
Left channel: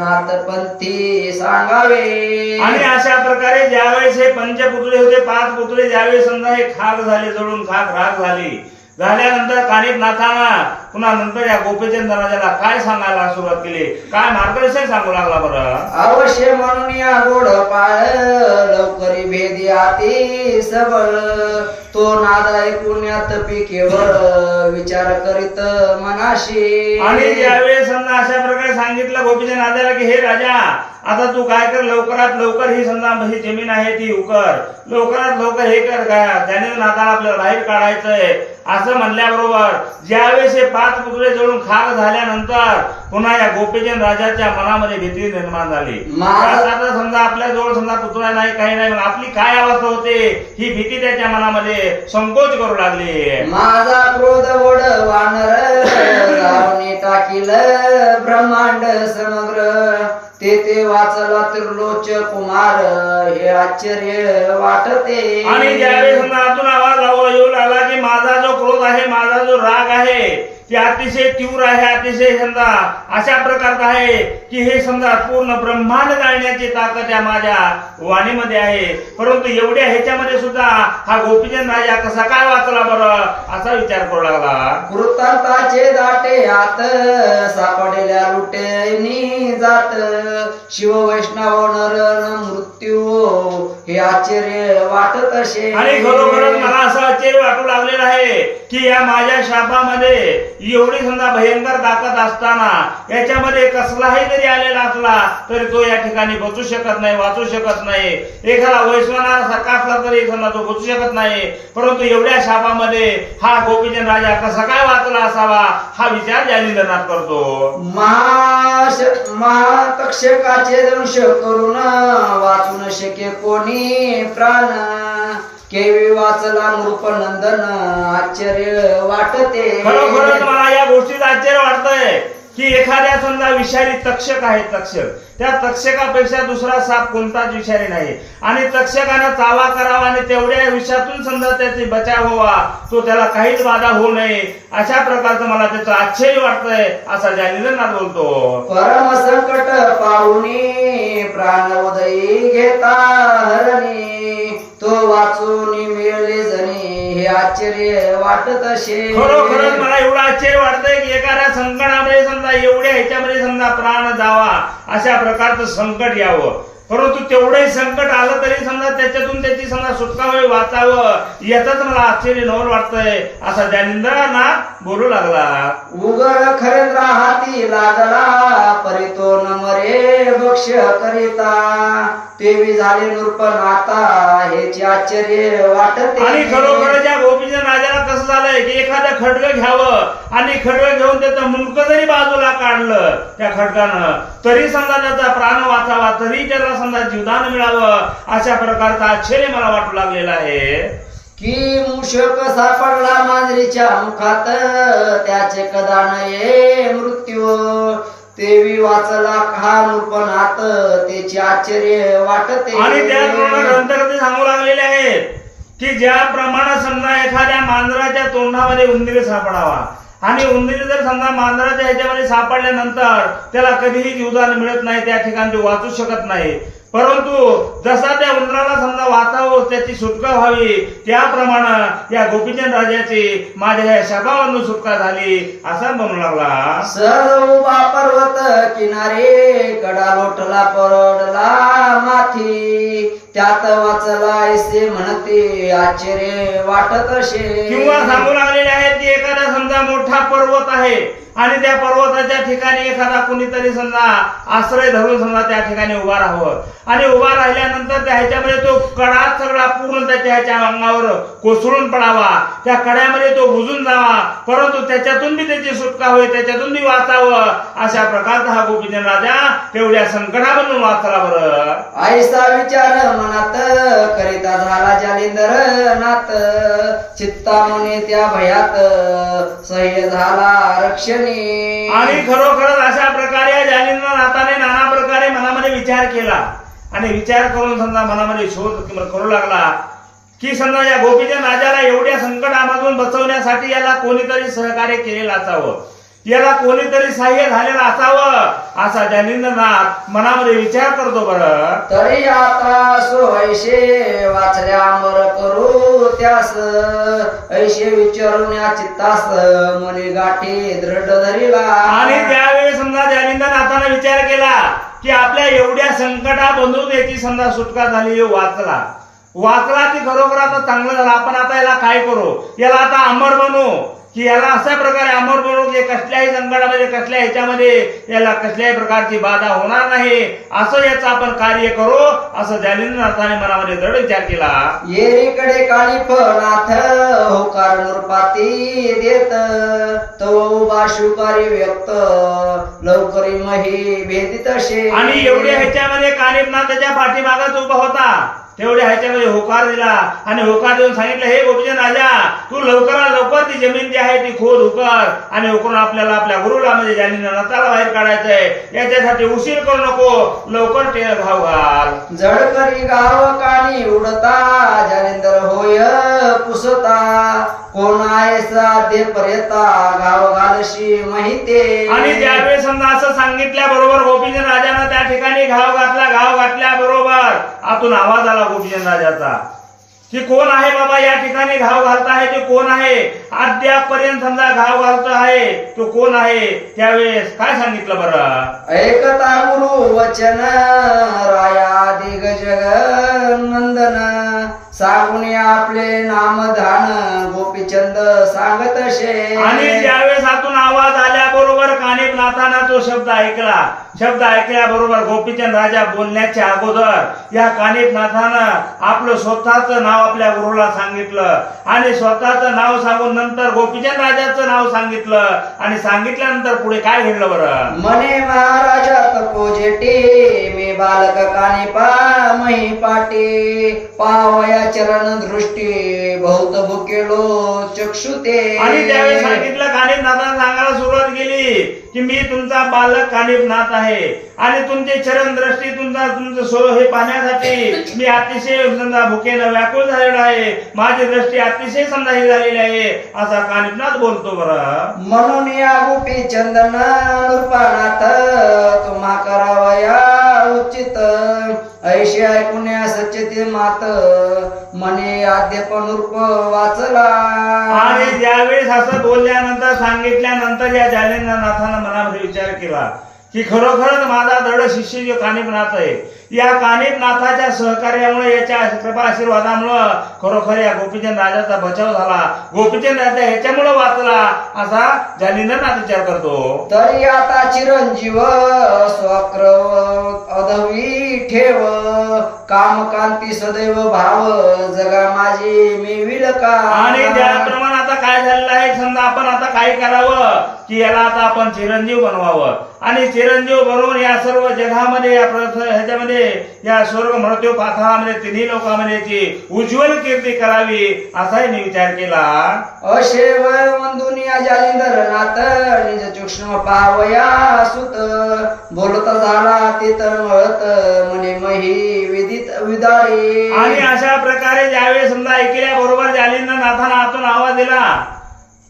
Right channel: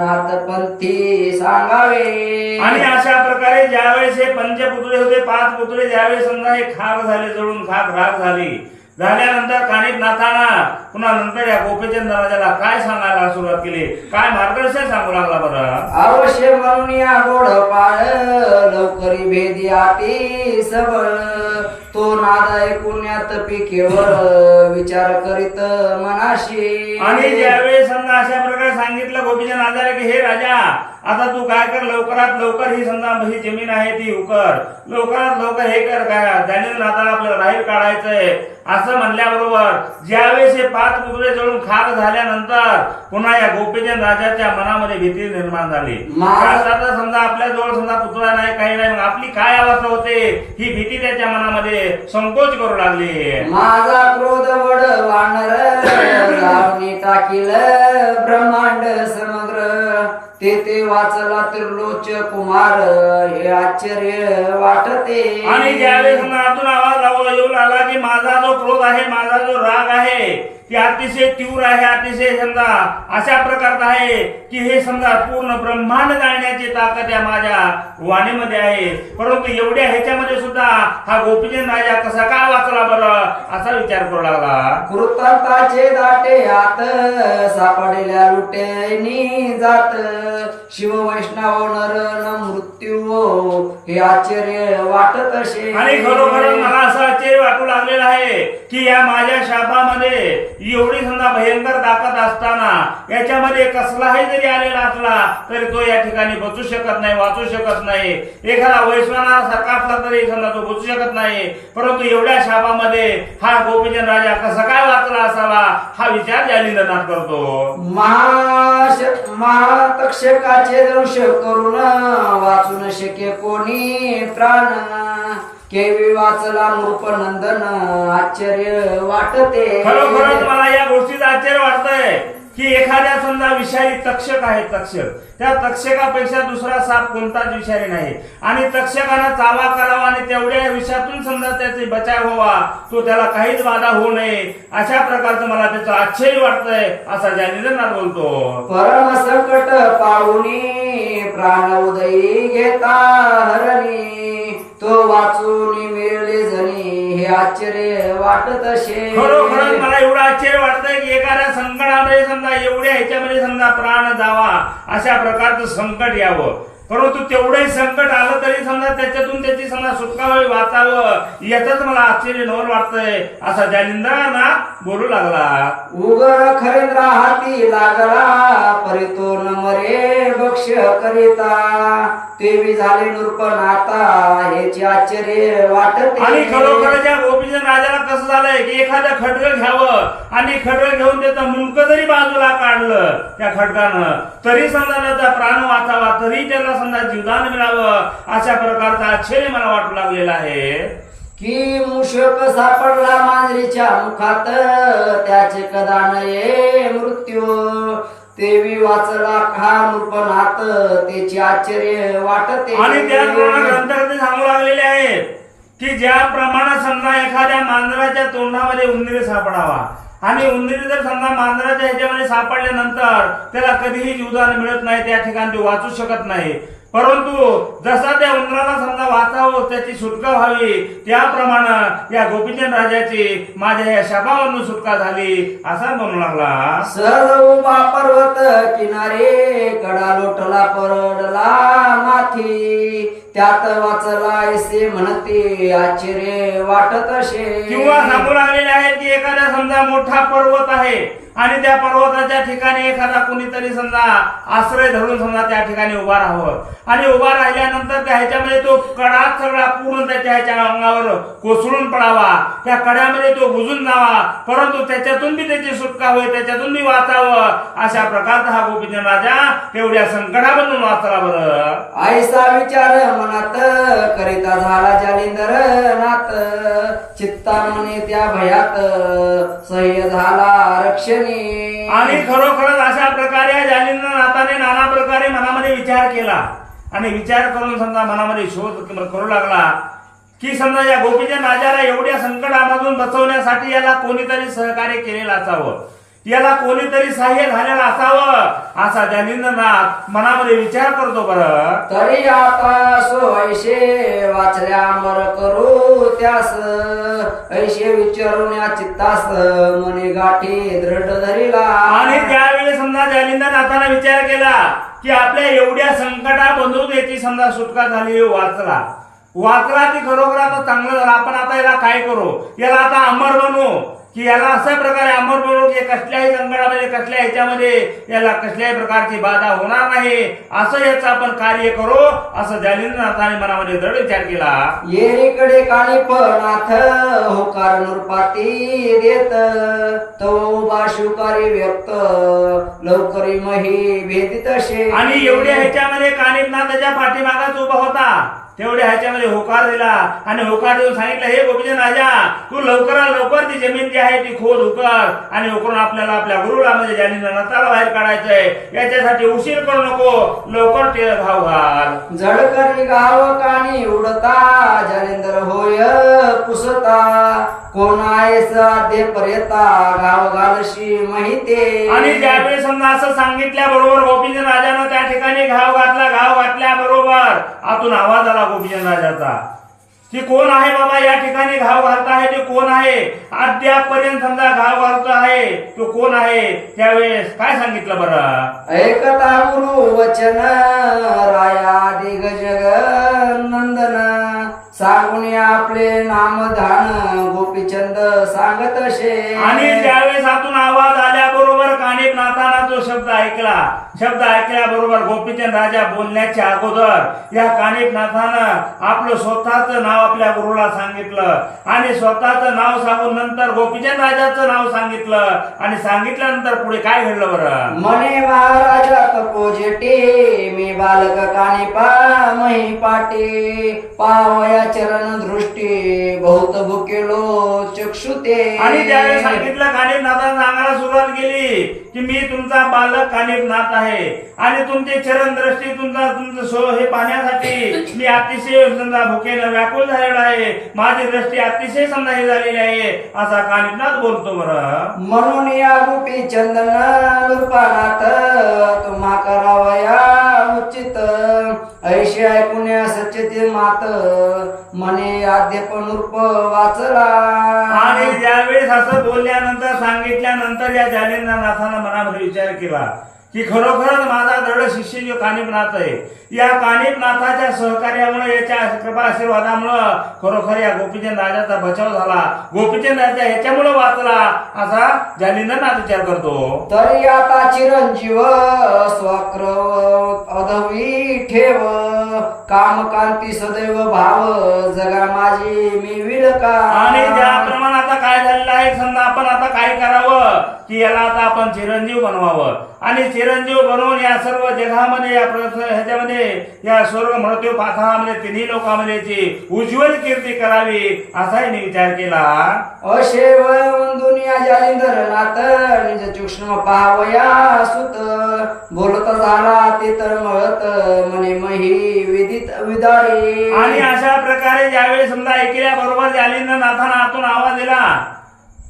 नाथपंथी सांगावे. आणि अशा प्रकारे ज्यावेळेस हे पंचपुतळे होते 5 पुतळे ज्यावेळेस समजा हे खाक झाले जळून खाक राख झाली झाल्यानंतर कानिफनाथांना पुन्हा नंतर या गोपीचंद राजाला काय सांगायला सुरुवात केली, काय मार्गदर्शन सांगू लागला बरं. अवश्य म्हणून या गोड पाळ लवकरी भेदी आती सबळ तो नाद ऐकून्यात पिकेवर विचार करीत मनाशी. आणि ज्यावेळेस समजा अशा प्रकारे सांगितलं गोपीचंद राजाला की हे राजा आता तू काय कर, लवकरात लवकर ही समजा ही जमीन आहे ती उकर, लवकरात लवकर हे कर, काय त्याने नाताला आपल्याला बाहेर काढायचंय असं म्हणल्याबरोबर ज्यावेळेस हे 5 पुतळे जळून खाक झाल्यानंतर पुन्हा या गोपीचंद राजाच्या मनामध्ये भीती निर्माण झाली. आता समजा आपल्या जवळ समजा पुतळा नाही, काही नाही, मग आपली काय अवस्था होते, ही भीती त्याच्या मनामध्ये संकोच करू लागली. माझा क्रोध वड वानर लावणी टाकील ब्रह्मांड समग्र, ते वाचला त्रिलोच कुमार, हे आश्चर्य वाटते. आणि ज्यावेळेस आतून आवाज येऊ लागला की माझा जो क्रोध आहे, माझा जो राग आहे की अतिशय तीव्र आहे, अतिशय समजा अशा प्रकारचा आहे की हे समजा पूर्ण ब्रह्मांड जाळण्याची ताकद या माझ्या वाणीमध्ये आहे. परंतु एवढ्या ह्याच्यामध्ये सुद्धा हा गोपीचंद राजा कसा काय वाचला बरं असा विचार करू लागला. कृतांताचे दाटे आत सापडलेल्या लुटेनी जात, शिव वैष्णव नर न मृत्यू, हे आश्चर्य वाटत असे. आणि खरोखर मला असं आश्चर्य वाटू लागलेलं आहे की या माझ्या शापामध्ये एवढी समजा भयंकर ताकद असताना याच्यामध्ये कसलाही जरी आलेला असला तरी तो या ठिकाणी बचू शकत नाही, वाचू शकत नाही. एखादा वैश्वनार सारखा असला तरी समजा तो बचू शकत नाही. परंतु एवढ्या शापामध्ये हा गोपीचंद राजा कसा काय वाचला असावा हा विचार जालिंद्रनाथ करतो. महातक्षकाचे दंश करून वाचू न शके कोणी प्राण, केवी वाचला नृपनंदन, आश्चर्य वाटते. खरोखरच मला या गोष्टीचं आश्चर्य वाटतंय की एखाद्या समजा विषारी तक्षक आहे, तक्षक, त्या तक्षकापेक्षा दुसरा साप कोणताच विषारी नाही. आणि तक्षकानं चावा करावा आणि तेवढ्या विषातून समजा त्याची बचाव व्हावा, तो त्याला काहीच बाधा होऊ नये, अशा प्रकारचं मला त्याचं आश्चर्य वाटतंय असा जालिंद्रनाथ बोलतो. परम संकट पाहुनी प्राण उदयी घेता हरणी, तो वाचून मिळले जणी, हे आश्चर्य वाटत असे. खरोखरच मला एवढं आश्चर्य वाटतंय की एखाद्या संकटामध्ये समजा एवढ्या ह्याच्यामध्ये समजा प्राण जावा अशा प्रकारचं संकट यावं, परंतु तेवढंही संकट आलं तरी समजा त्याच्यातून त्याची समजा सुटका व्हावी, वाचावं, यातच मला आश्चर्य नवल वाटतंय असा जालिंद्रनाथ बोलू लागला. उगर खरेंद्र हाती लागला, परितो न मरे भक्ष करिता, तेवी झाले नृपनाथा, हेचे आश्चर्य वाटते. आणि खरोखर या गोपीचंद राजाला कसं झालंय की एखादं खडगं घ्यावं आणि खडगं घेऊन त्याचं मुंडकं जरी बाजूला काढलं त्या खडगानं तरी समजा त्याचा प्राण वाचावा, तरी त्याला समजा जीवदान मिळावं, अशा प्रकारचा आश्चर्य मला वाटू लागलेला आहे. की मूषक सापडला मांजरीच्या मुखात, त्याचे कदा नये मृत्यू, तेवी वाचला हा नृपनाथ, त्याचे आश्चर्य वाटते. आणि त्याचप्रमाणे ग्रंथकर्ते सांगू लागलेले आहे की ज्याप्रमाणे समजा एखाद्या मांजराच्या तोंडामध्ये उंदीर सापडावा आणि उंदीर जर समजा मांजराच्या ह्याच्यामध्ये सापडल्यानंतर त्याला कधीही जीवदान मिळत नाही, त्या ठिकाणी तो वाचू शकत नाही. परंतु जसा त्या उंदराला समजा वाचावं, त्याची सुटका व्हावी, त्याप्रमाणे या गोपीचंद राजाची माझ्या या शापावरून सुटका झाली असा म्हणू लागला. सहज उभा पर्वत किनारे, कडा लोटला पडला माथी, त्यात वाचला ऐसे म्हणते, आश्चर्य वाटत असे. किंवा सांगू लागलेले आहेत की एखादा समजा मोठा पर्वत आहे आणि त्या पर्वताच्या ठिकाणी एखादा कोणीतरी समजा आश्रय धरून समजा त्या ठिकाणी उभा राहावं आणि उभा राहिल्यानंतर त्या ह्याच्यामध्ये तो कडा सगळा पूर्ण त्याच्या ह्याच्या अंगावर कोसळून पडावा, त्या कड्यामध्ये तो बुजून जावा, परंतु त्याच्यातून बी त्याची सुटका होईल, त्याच्यातून बी वाचावं, अशा प्रकारचा हा गोपीचंद राजा तेवढ्या संकटामधून वाचला. बरं ऐसा विचार मनात करिता झाला जालिंद्रनाथ, चित्ता मने त्या भयात सह्य झाला रक्षणी. आणि खरोखरच अशा प्रकारे या जालिंद्रनाथाने नाना प्रकारे मनामध्ये विचार केला आणि विचार करून समजा मनामध्ये शोध करू लागला की समजा या गोपीचंद राजाला एवढ्या संकटामधून बचवण्यासाठी याला कोणीतरी सहकार्य केलेलं असावं, याला कोणीतरी सहाय्य झालेलं असावं असा जालिंद्रनाथ मनामध्ये विचार करतो. बरं तरी आता सो ऐशे वाचल्या अंबर करू त्यास, ऐशे विचारून या चित्तास मने गाठी दृढ धरिला. आणि त्यावेळी समजा जालिंद्रनाथाने विचार केला की आपल्या एवढ्या संकटामधून याची समजा सुटका झाली, वाचला की खरोखर आता चांगलं झालं, आपण आता याला काय करू, याला आता अमर बनू की याला अशा प्रकारे अमर बरोबर कसल्याही संकटामध्ये कसल्या ह्याच्यामध्ये याला कसल्याही प्रकारची बाधा होणार नाही, असं याचं आपण कार्य करू, असं जालिंद्रनाथाने मनामध्ये दृढ विचार केला. येरीकडे काळीपणाथ होकार नृपाती देत तो बाशुकारी व्यक्त लवकरी मही भेदित शे. आणि एवढ्या ह्याच्यामध्ये कानिपनाथाच्या पाठीमागाच उभा होता, तेवढ्या ह्याच्यामध्ये होकार दिला आणि होकार देऊन सांगितलं, हे गोपीचंद राजा, तू लवकरात लवकर ती जमीन जी आहे ती खोद उकर आणि उकरून आपल्याला आपल्या गुरुला म्हणजे जालिंद्रनाथाला बाहेर काढायचंय, याच्यासाठी उशीर करू नको, लवकर ते घाव घाल. जळकरी गाव कानी उडता जालिंदर होय पुसता कोण आहे साध्य पर्यता गाव घालशी माहिती. आणि ज्यावेळी समजा असं सांगितल्या बरोबर गोपीचंद राजानं त्या ठिकाणी घाव घातला, घाव घातल्या बरोबर आतून आवाज आला गोपीचंद राजाचा की कोण आहे बाबा या ठिकाणी घाव घालत आहे, ते कोण आहे, अद्यापर्यंत समजा घाव घालतो आहे तो कोण आहे. त्यावेळेस काय सांगितलं बरं, ऐकता गुरु वचन राया दिग जगनंदन सांगून आपले नामधान गोपीचंद सांगत शे. आणि ज्यावेळेस आतून आवाज आल्या बरोबर कानिपनाथानं तो शब्द ऐकला, शब्द ऐकल्या बरोबर गोपीचंद राजा बोलण्याच्या अगोदर या कानिपनाथानं आपलं स्वतःच नाव आपल्या गुरुला सांगितलं आणि स्वतःचं नाव सांगून नंतर गोपीचंद राजाचं नाव सांगितलं आणि सांगितल्यानंतर पुढे काय घडलं बरं, मने महाराजा तपोजेटे मी बालक कानिपा मही पाटे पावया चरण दृष्टी बहुत भुकेलो चक्षुते. आणि त्यावेळेस सांगितलं कानिपनाथानं सांगायला सुरुवात केली की मी तुमचा बालक कानिपनाथ आहे आणि तुमचे चरण दृष्टी तुमचं हे पाहण्यासाठी मी अतिशय समजा भुकेनं व्याकुळ झालेला आहे, माझी दृष्टी अतिशय समजा हे झालेली आहे, असा कानिपनाथ बोलतो बरं. म्हणून या गोपी चंदन नृपानाथ तुम्हा करावया उचित ऐशी ऐकुण्या सच्चते मात मने आद्यप नृप वाचला. आणि ज्यावेळेस असं बोलल्यानंतर सांगितल्यानंतर या जालिंद्रनाथानं मनामध्ये विचार केला की खरोखरच माझा दृढ शिष्य जो कानिपनाथ आहे, या कानिपनाथाच्या सहकार्यामुळे याच्या कृपा आशीर्वादामुळं खरोखर या गोपीचंद राजाचा बचाव झाला, गोपीचंद राजा ह्याच्यामुळे वाचला, असा जालिंद्रनाथ विचार करतो. तरी आता चिरंजीव स्वक्र अधवी ठेव कामकांती सदैव भाव जगा माझी मी विलका. आणि ज्याप्रमाणे आता काय झालेलं आहे समजा आपण आता काय करावं की याला आता आपण चिरंजीव बनवावं आणि चिरंजीव बनवून या सर्व जगामध्ये या ह्याच्यामध्ये या स्वर्ग मृत्यू पाताळामध्ये तिन्ही लोकांमध्ये उज्ज्वल कीर्ती करावी असाही मी विचार केला. अशेव वंदुनिया जालिंदरनाथ निज सूक्ष्म पावया सुत बोलत झाला ते तर मळत मने मही विदित विदारी. आणि अशा प्रकारे ज्यावेळी समजा ऐकल्या बरोबर जालिंद्रनाथानं आतून आवाज दिला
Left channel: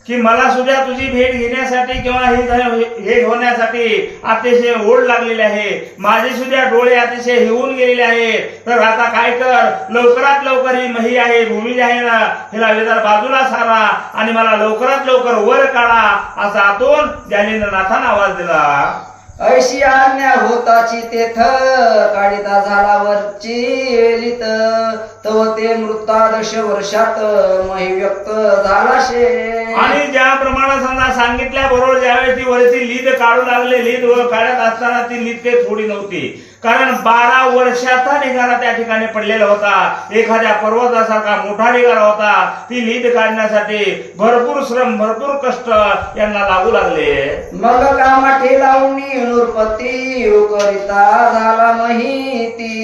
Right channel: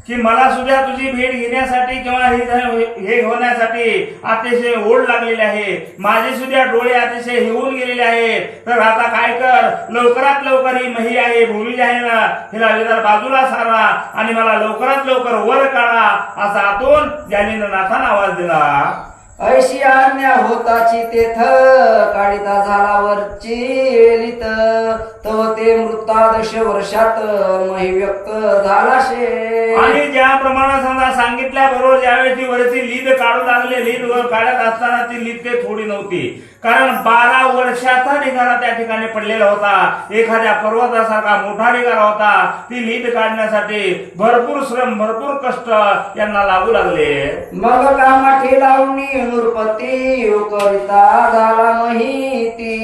की मला सुद्धा तुझी भेट घेण्यासाठी किंवा हे होण्यासाठी अतिशय ओढ लागलेली आहे, माझे सुद्धा डोळे अतिशय हिवून गेलेले आहेत, तर आता काय कर, लवकरात लवकर ही मही आहे भूमी आहे ना हिला वेदार बाजूला सारा आणि मला लवकरात लवकर वर काढा, असा आतून जालिंद्रनाथानं आवाज दिला. ऐशी आज्ञा होताची तेथ काढिता झाला वरची लित तव ते मृतादश वर्षात मही व्यक्त झाला शे. आणि ज्याप्रमाणे समजा सांगितल्या बरोबर ज्यावेळी ती वरची लीद काढू लागले, लीद वर काढत असताना ती लीद ते थोडी नव्हती, कारण 12 वर्षाचा निगारा त्या ठिकाणी पडलेला होता, एखाद्या पर्वतासारखा मोठा निगारा होता. ती लीद काढण्यासाठी भरपूर श्रम भरपूर कष्ट यांना लागू लागले. मग कामाठी लावणी नृपती करिता झाला माहिती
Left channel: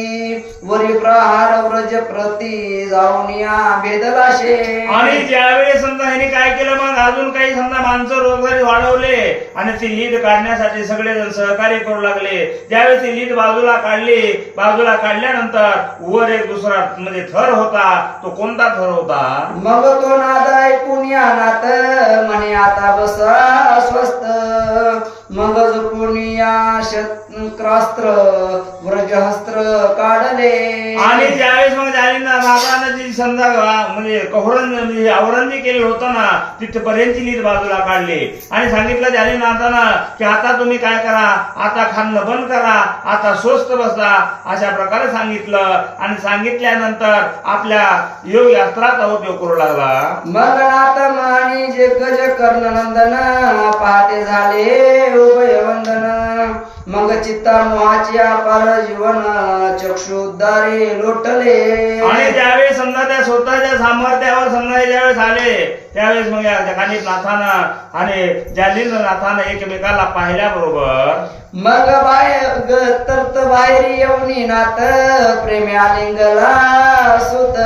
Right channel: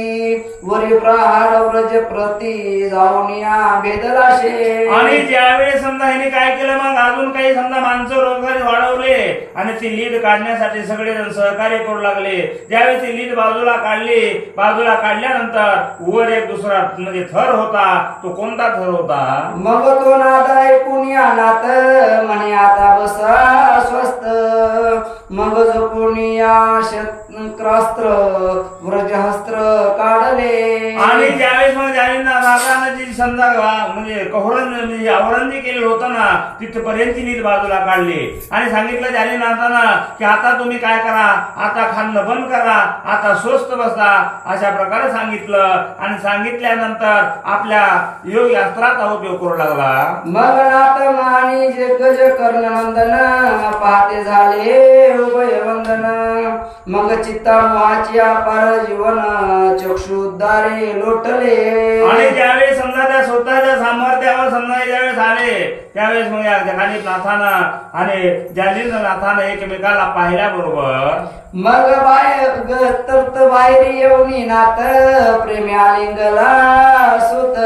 वरी प्रहार व्रज प्रती जाऊन या भेदला शे. आणि ज्यावेळी समजा ह्याने काय केलं मग अजून काही समजा माणसं रोजगारी वाढवले आणि ती लीड काढण्यासाठी सगळेजण सहकार्य करू लागले. ज्यावेळी ती लीड बाजूला काढली, बाजूला काढल्यानंतर वर एक दुसरा म्हणजे थर होता, तो कोणता थर होता, मग तो नाद ऐकून या नात म्हणे आता बसा स्वस्त मग झोपून या वस्त्र व्रजहस्त्र काढले. आणि ज्यावेळेस मग राजानं जी समजा म्हणजे कहोरण म्हणजे आवरणजी केलेलं होतं ना तिथपर्यंत नीट बाजूला काढली आणि सांगितलं जालिनाथानं की आता तुम्ही काय करा, आता खाणं बंद करा, आता स्वस्त बसा, अशा प्रकारे सांगितलं. आणि सांगितल्यानंतर आपल्या योग शास्त्राचा उपयोग करू लागला. मग नाथ मानी जे गज कर्णनंदन पहाते झाले उभय वंदन. मग चित्ता मोहाची अपार जीवन चक्षुद्वारे लोटले. आणि ज्यावेळेस समजा त्या स्वतःच्या सामर्थ्यावर समजा ज्यावेळेस आले त्यावेळेस मग या नाथानं आणि जालिंद्रनाथानं एकमेकाला पाहिल्याबरोबर मग तर्त बाहेरी येऊनी नाथ प्रेमी आलिंगला सुत.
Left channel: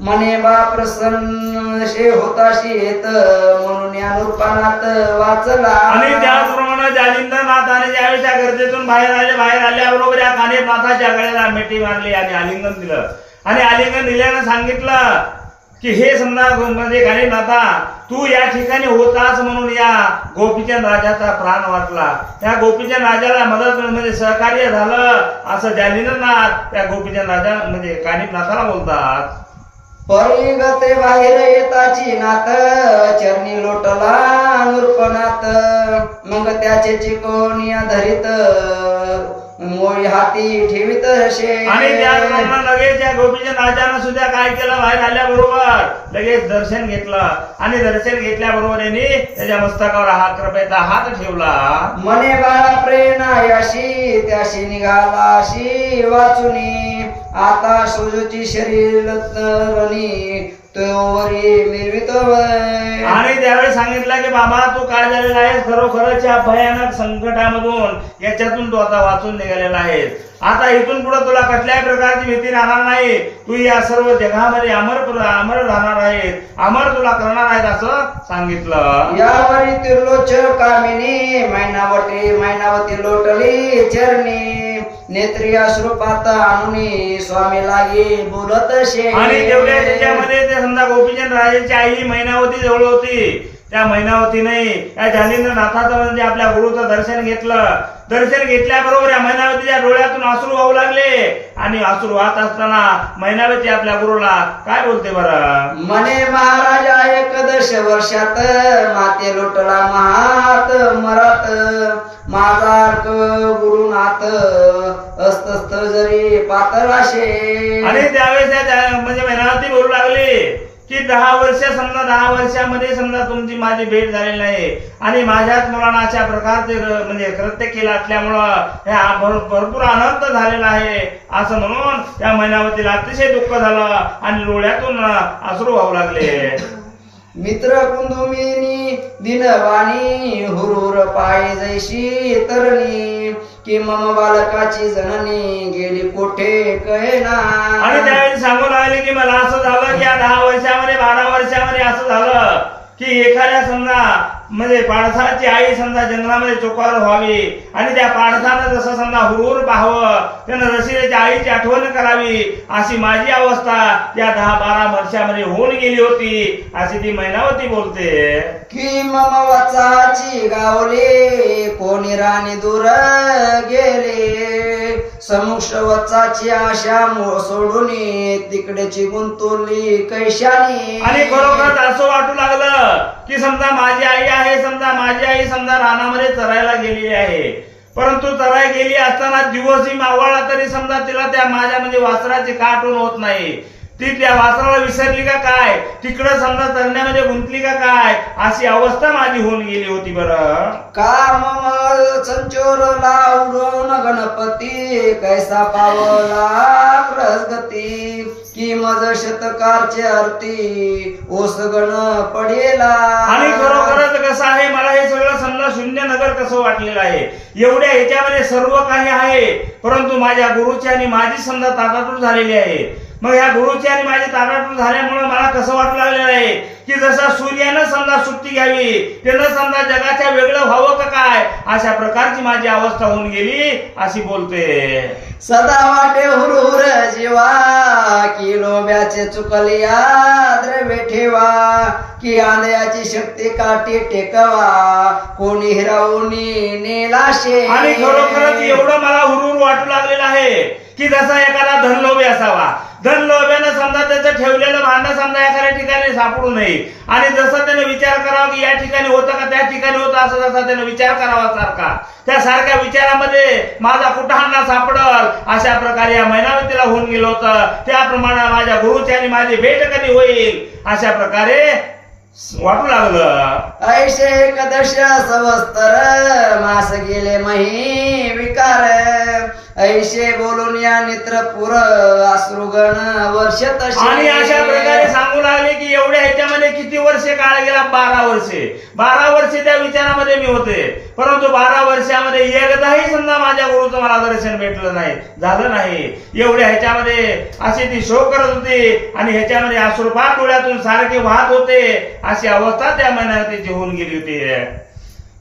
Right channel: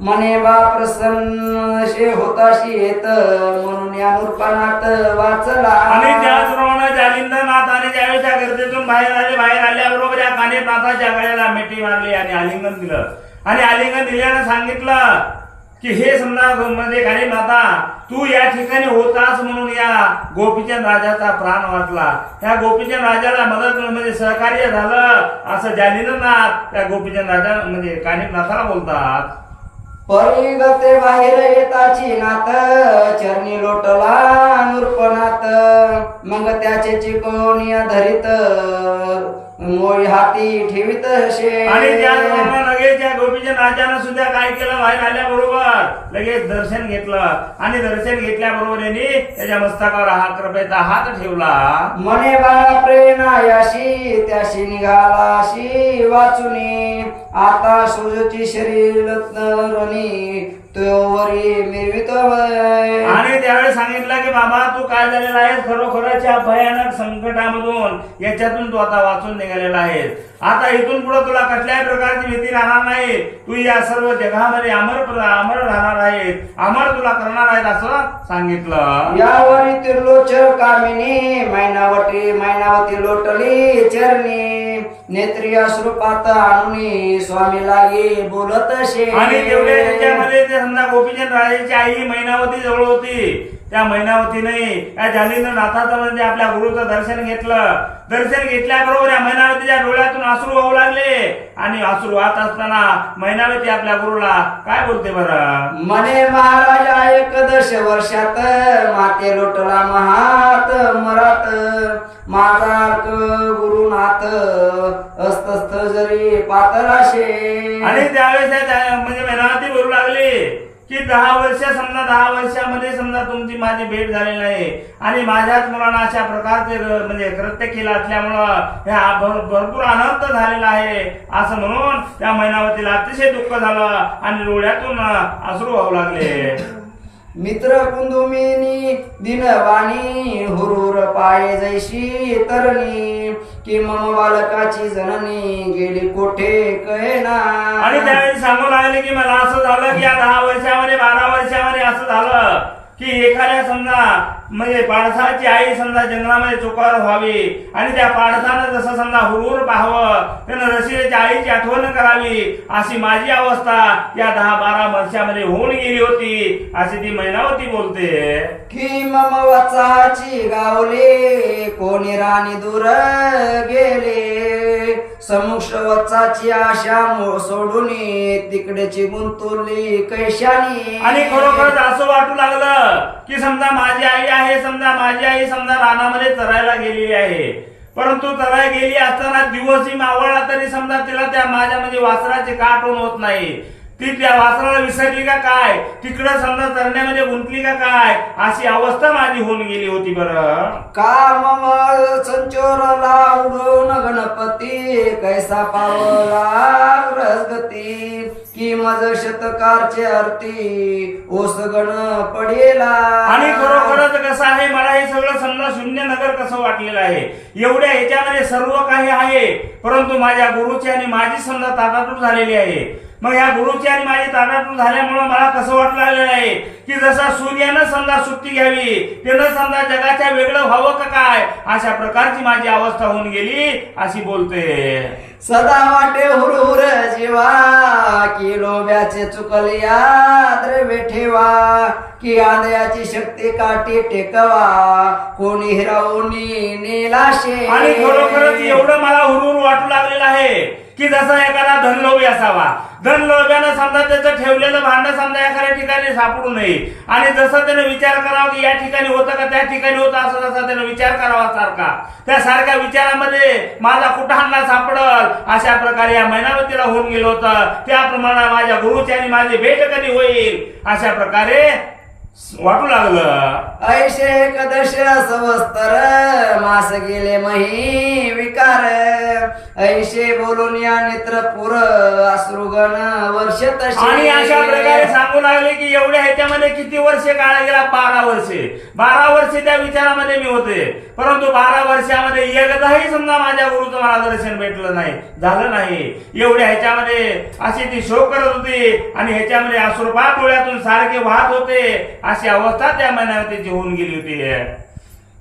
मने बा प्रसन्न शे होताशी येत म्हणून या नृपानाथ वाचला. आणि त्याचप्रमाणे जालिंद्रनाथाने ज्यावेळेस त्या गर्दीतून बाहेर आल्याबरोबर या कानिफनाथाच्या गळ्याला मिठी मारली आणि आलिंगन दिलं. आणि आलिंगन दिल्यानं सांगितलं की हे समजा म्हणजे कानिफनाथा तू या ठिकाणी होतास म्हणून या गोपीचंद राजाचा प्राण वाचला. त्या गोपीचंद राजाला मदत म्हणजे सहकार्य झालं असं जालिंद्रनाथ त्या गोपीचंद राजा म्हणजे कानिफनाथाला बोलतात. परिगते बाहेर येताची नाथ चरणी लोटला नृपनाथ. मग त्याचे चिकोनिया धरीत मोई हाती ठेवीत शे. आणि त्याप्रमाणे लगेच त्या गोपीचंद राजानं सुद्धा काय केलं, बाहेर आल्याबरोबर लगेच दर्शन घेतलं. आणि दर्शन घेतल्याबरोबर यांनी त्याच्या मस्तकावर हा कृपेचा हात ठेवला. मने बाळा प्रेरणायाशी त्याशी निघालाशी वाचुनी. आता सोजची शरीर रणी तोवरी मिरवित. आणि त्यावेळेस सांगितलं की बाबा तू काय झालेला आहेस, खरोखरच या भयानक संकटामधून याच्यातून तू आता वाचून निघालेला आहेस. आता इथून पुढे तुला कुठल्याही प्रकारची भीती राहणार नाही. तू या सर्व जगामध्ये अमर राहणार आहेस, अमर तुला करणार आहेत असं सांगितलं. यावरी तिर्लोचक कामिनी मैनावती लोटली चरणी. नेत्री अश्रुपात आणुनी स्वामी लागी बोलत शे. आणि तेवढ्या त्याच्यामध्ये ते समजा गोपीचंद राजाची आई मैनावती जवळ होती. त्या मैनावतीने या जालिंद्रनाथाचं म्हणजे आपल्या गुरुचं दर्शन घेतलं. दर्शन घेतल्याबरोबर या मैनावतीच्या डोळ्यातून अश्रू वाहू लागले. आणि अश्रू वाहत असताना मैनावती आपल्या गुरुला काय बोलते बरं. मने महाराजा एकदश वर्षात माते लोटला महात मरात. माझा गुरुनाथ अस्तस्थ जरी पातळाशे. आणि त्यावेळेस म्हणजे मैनावती बोलू लागली की 10 वर्षामध्ये समजा तुमची माझी भेट झालेली नाही. आणि माझ्याच मुलांना अशा प्रकारचे म्हणजे कृत्य केलं असल्यामुळं हे भरपूर अनर्थ झालेला आहे असं म्हणून त्या मैनावतीला अतिशय दुःख झालं आणि डोळ्यातून अश्रू वाहू लागले. मित्र कुंदुमिनी दिनवाणी हुरूर पाये जैशी तरणी. की मम बालकाची जननी गेली कोठे कळेना. आणि त्यावेळी सांगू लागले की मला असं झालं की या 10 वर्षामध्ये 12 वर्षामध्ये असं झालं की एखाद्या समजा म्हणजे पाडसाची आई समजा जंगलामध्ये चोकार व्हावी आणि त्या पाडसानं जसं समजा हुरूर पाहावं, त्यानं रसिकेच्या आईची आठवण करावी, अशी माझी अवस्था या 10-12 वर्षामध्ये होऊन गेली होती अशी ती मैनावती बोलते. की मम वाचाची गावले कोणी राणी दूर गेले. समुक्ष वचाची आशा सोडून तिकडेची गुंतवली कैशानी. आणि खरोखरच असं वाटू लागलं की समजा माझी आई आहे, समजा माझी आई समजा रानामध्ये चरायला गेलेली आहे. परंतु चराय गेली असताना दिवसही मावळला तरी समजा तिला त्या माझ्या म्हणजे वासराची का आठवण होत नाही. ती त्या वासराला विसरली का काय, तिकडं समजा चरण्यामध्ये गुंतली का काय, अशी अवस्था माझी होऊन गेली होती बरं. का मम संचोरला उडवून गणपती कैसा पावला रसगती. की मज शतकारचे अर्थी ओस गण पडेला. आणि खरोखरच कसं आहे, मला हे सगळं समजा शून्य नगर कसं वाटलेलं आहे. एवढ्या ह्याच्यामध्ये सर्व काही आहे परंतु माझ्या गुरुची आणि माझी समजा ताटातूट झालेली आहे. मग ह्या गुरुची आणि माझी ताटातूट झाल्यामुळं मला कसं वाटू लागलेलं आहे की जसा सूर्यानं समजा सुट्टी घ्यावी त्यानं समजा जगाच्या वेगळं व्हावं का काय अशा प्रकारची माझी अवस्था होऊन गेली अशी बोलते. सदा वाटे हुरहुर जीवा की लोभ्याचे चुकलिया द्रव्य ठेवा की आंधळ्याची शक्ती काठी टेकवा कोणी हिरावूनी नेलाशे. आणि खरोखरच एवढं मला हुरहुर वाटू लागलेलं आहे की जसा एखादा धनलोभी असावा, धनलोभ्यानं समजा त्याचं ठेवलेलं भांडं समजा एखाद्या ठिकाणी सापडू नये आणि जसं त्याने विचार करावा की या ठिकाणी होतं का त्या ठिकाणी होतं असं जसा त्याने विचार करावा सारखा त्या सारख्या विचारामध्ये माझा कुठांना सापडल अशा प्रकारे या मैनावतीला होऊन गेलं होतं. त्याप्रमाणे माझ्या गुरुची आणि माझी भेट कधी होईल अशा प्रकारे वाटू लागलं. ऐशे एकदश सवस्तर मास गेले मही विकार ऐशे बोलून या नेत्रपुर अश्रुगण वर्ष तसे. आणि अशा प्रकारे सांगू लागले की एवढ्या ह्याच्यामध्ये किती वर्षे काळ गेला? 12 वर्षे. 12 वर्षे त्या विचारामध्ये मी होते, परंतु 12 वर्षामध्ये एकदाही समजा माझ्या गुरुचं मला दर्शन भेटलं नाही, झालं नाही. एवढ्या ह्याच्यामध्ये अशी ती शोक करत होती आणि ह्याच्यामध्ये अश्रुपात डोळ्यातून सारखे वाहत होते अशी अवस्था त्या महिन्यात होऊन गेली होती.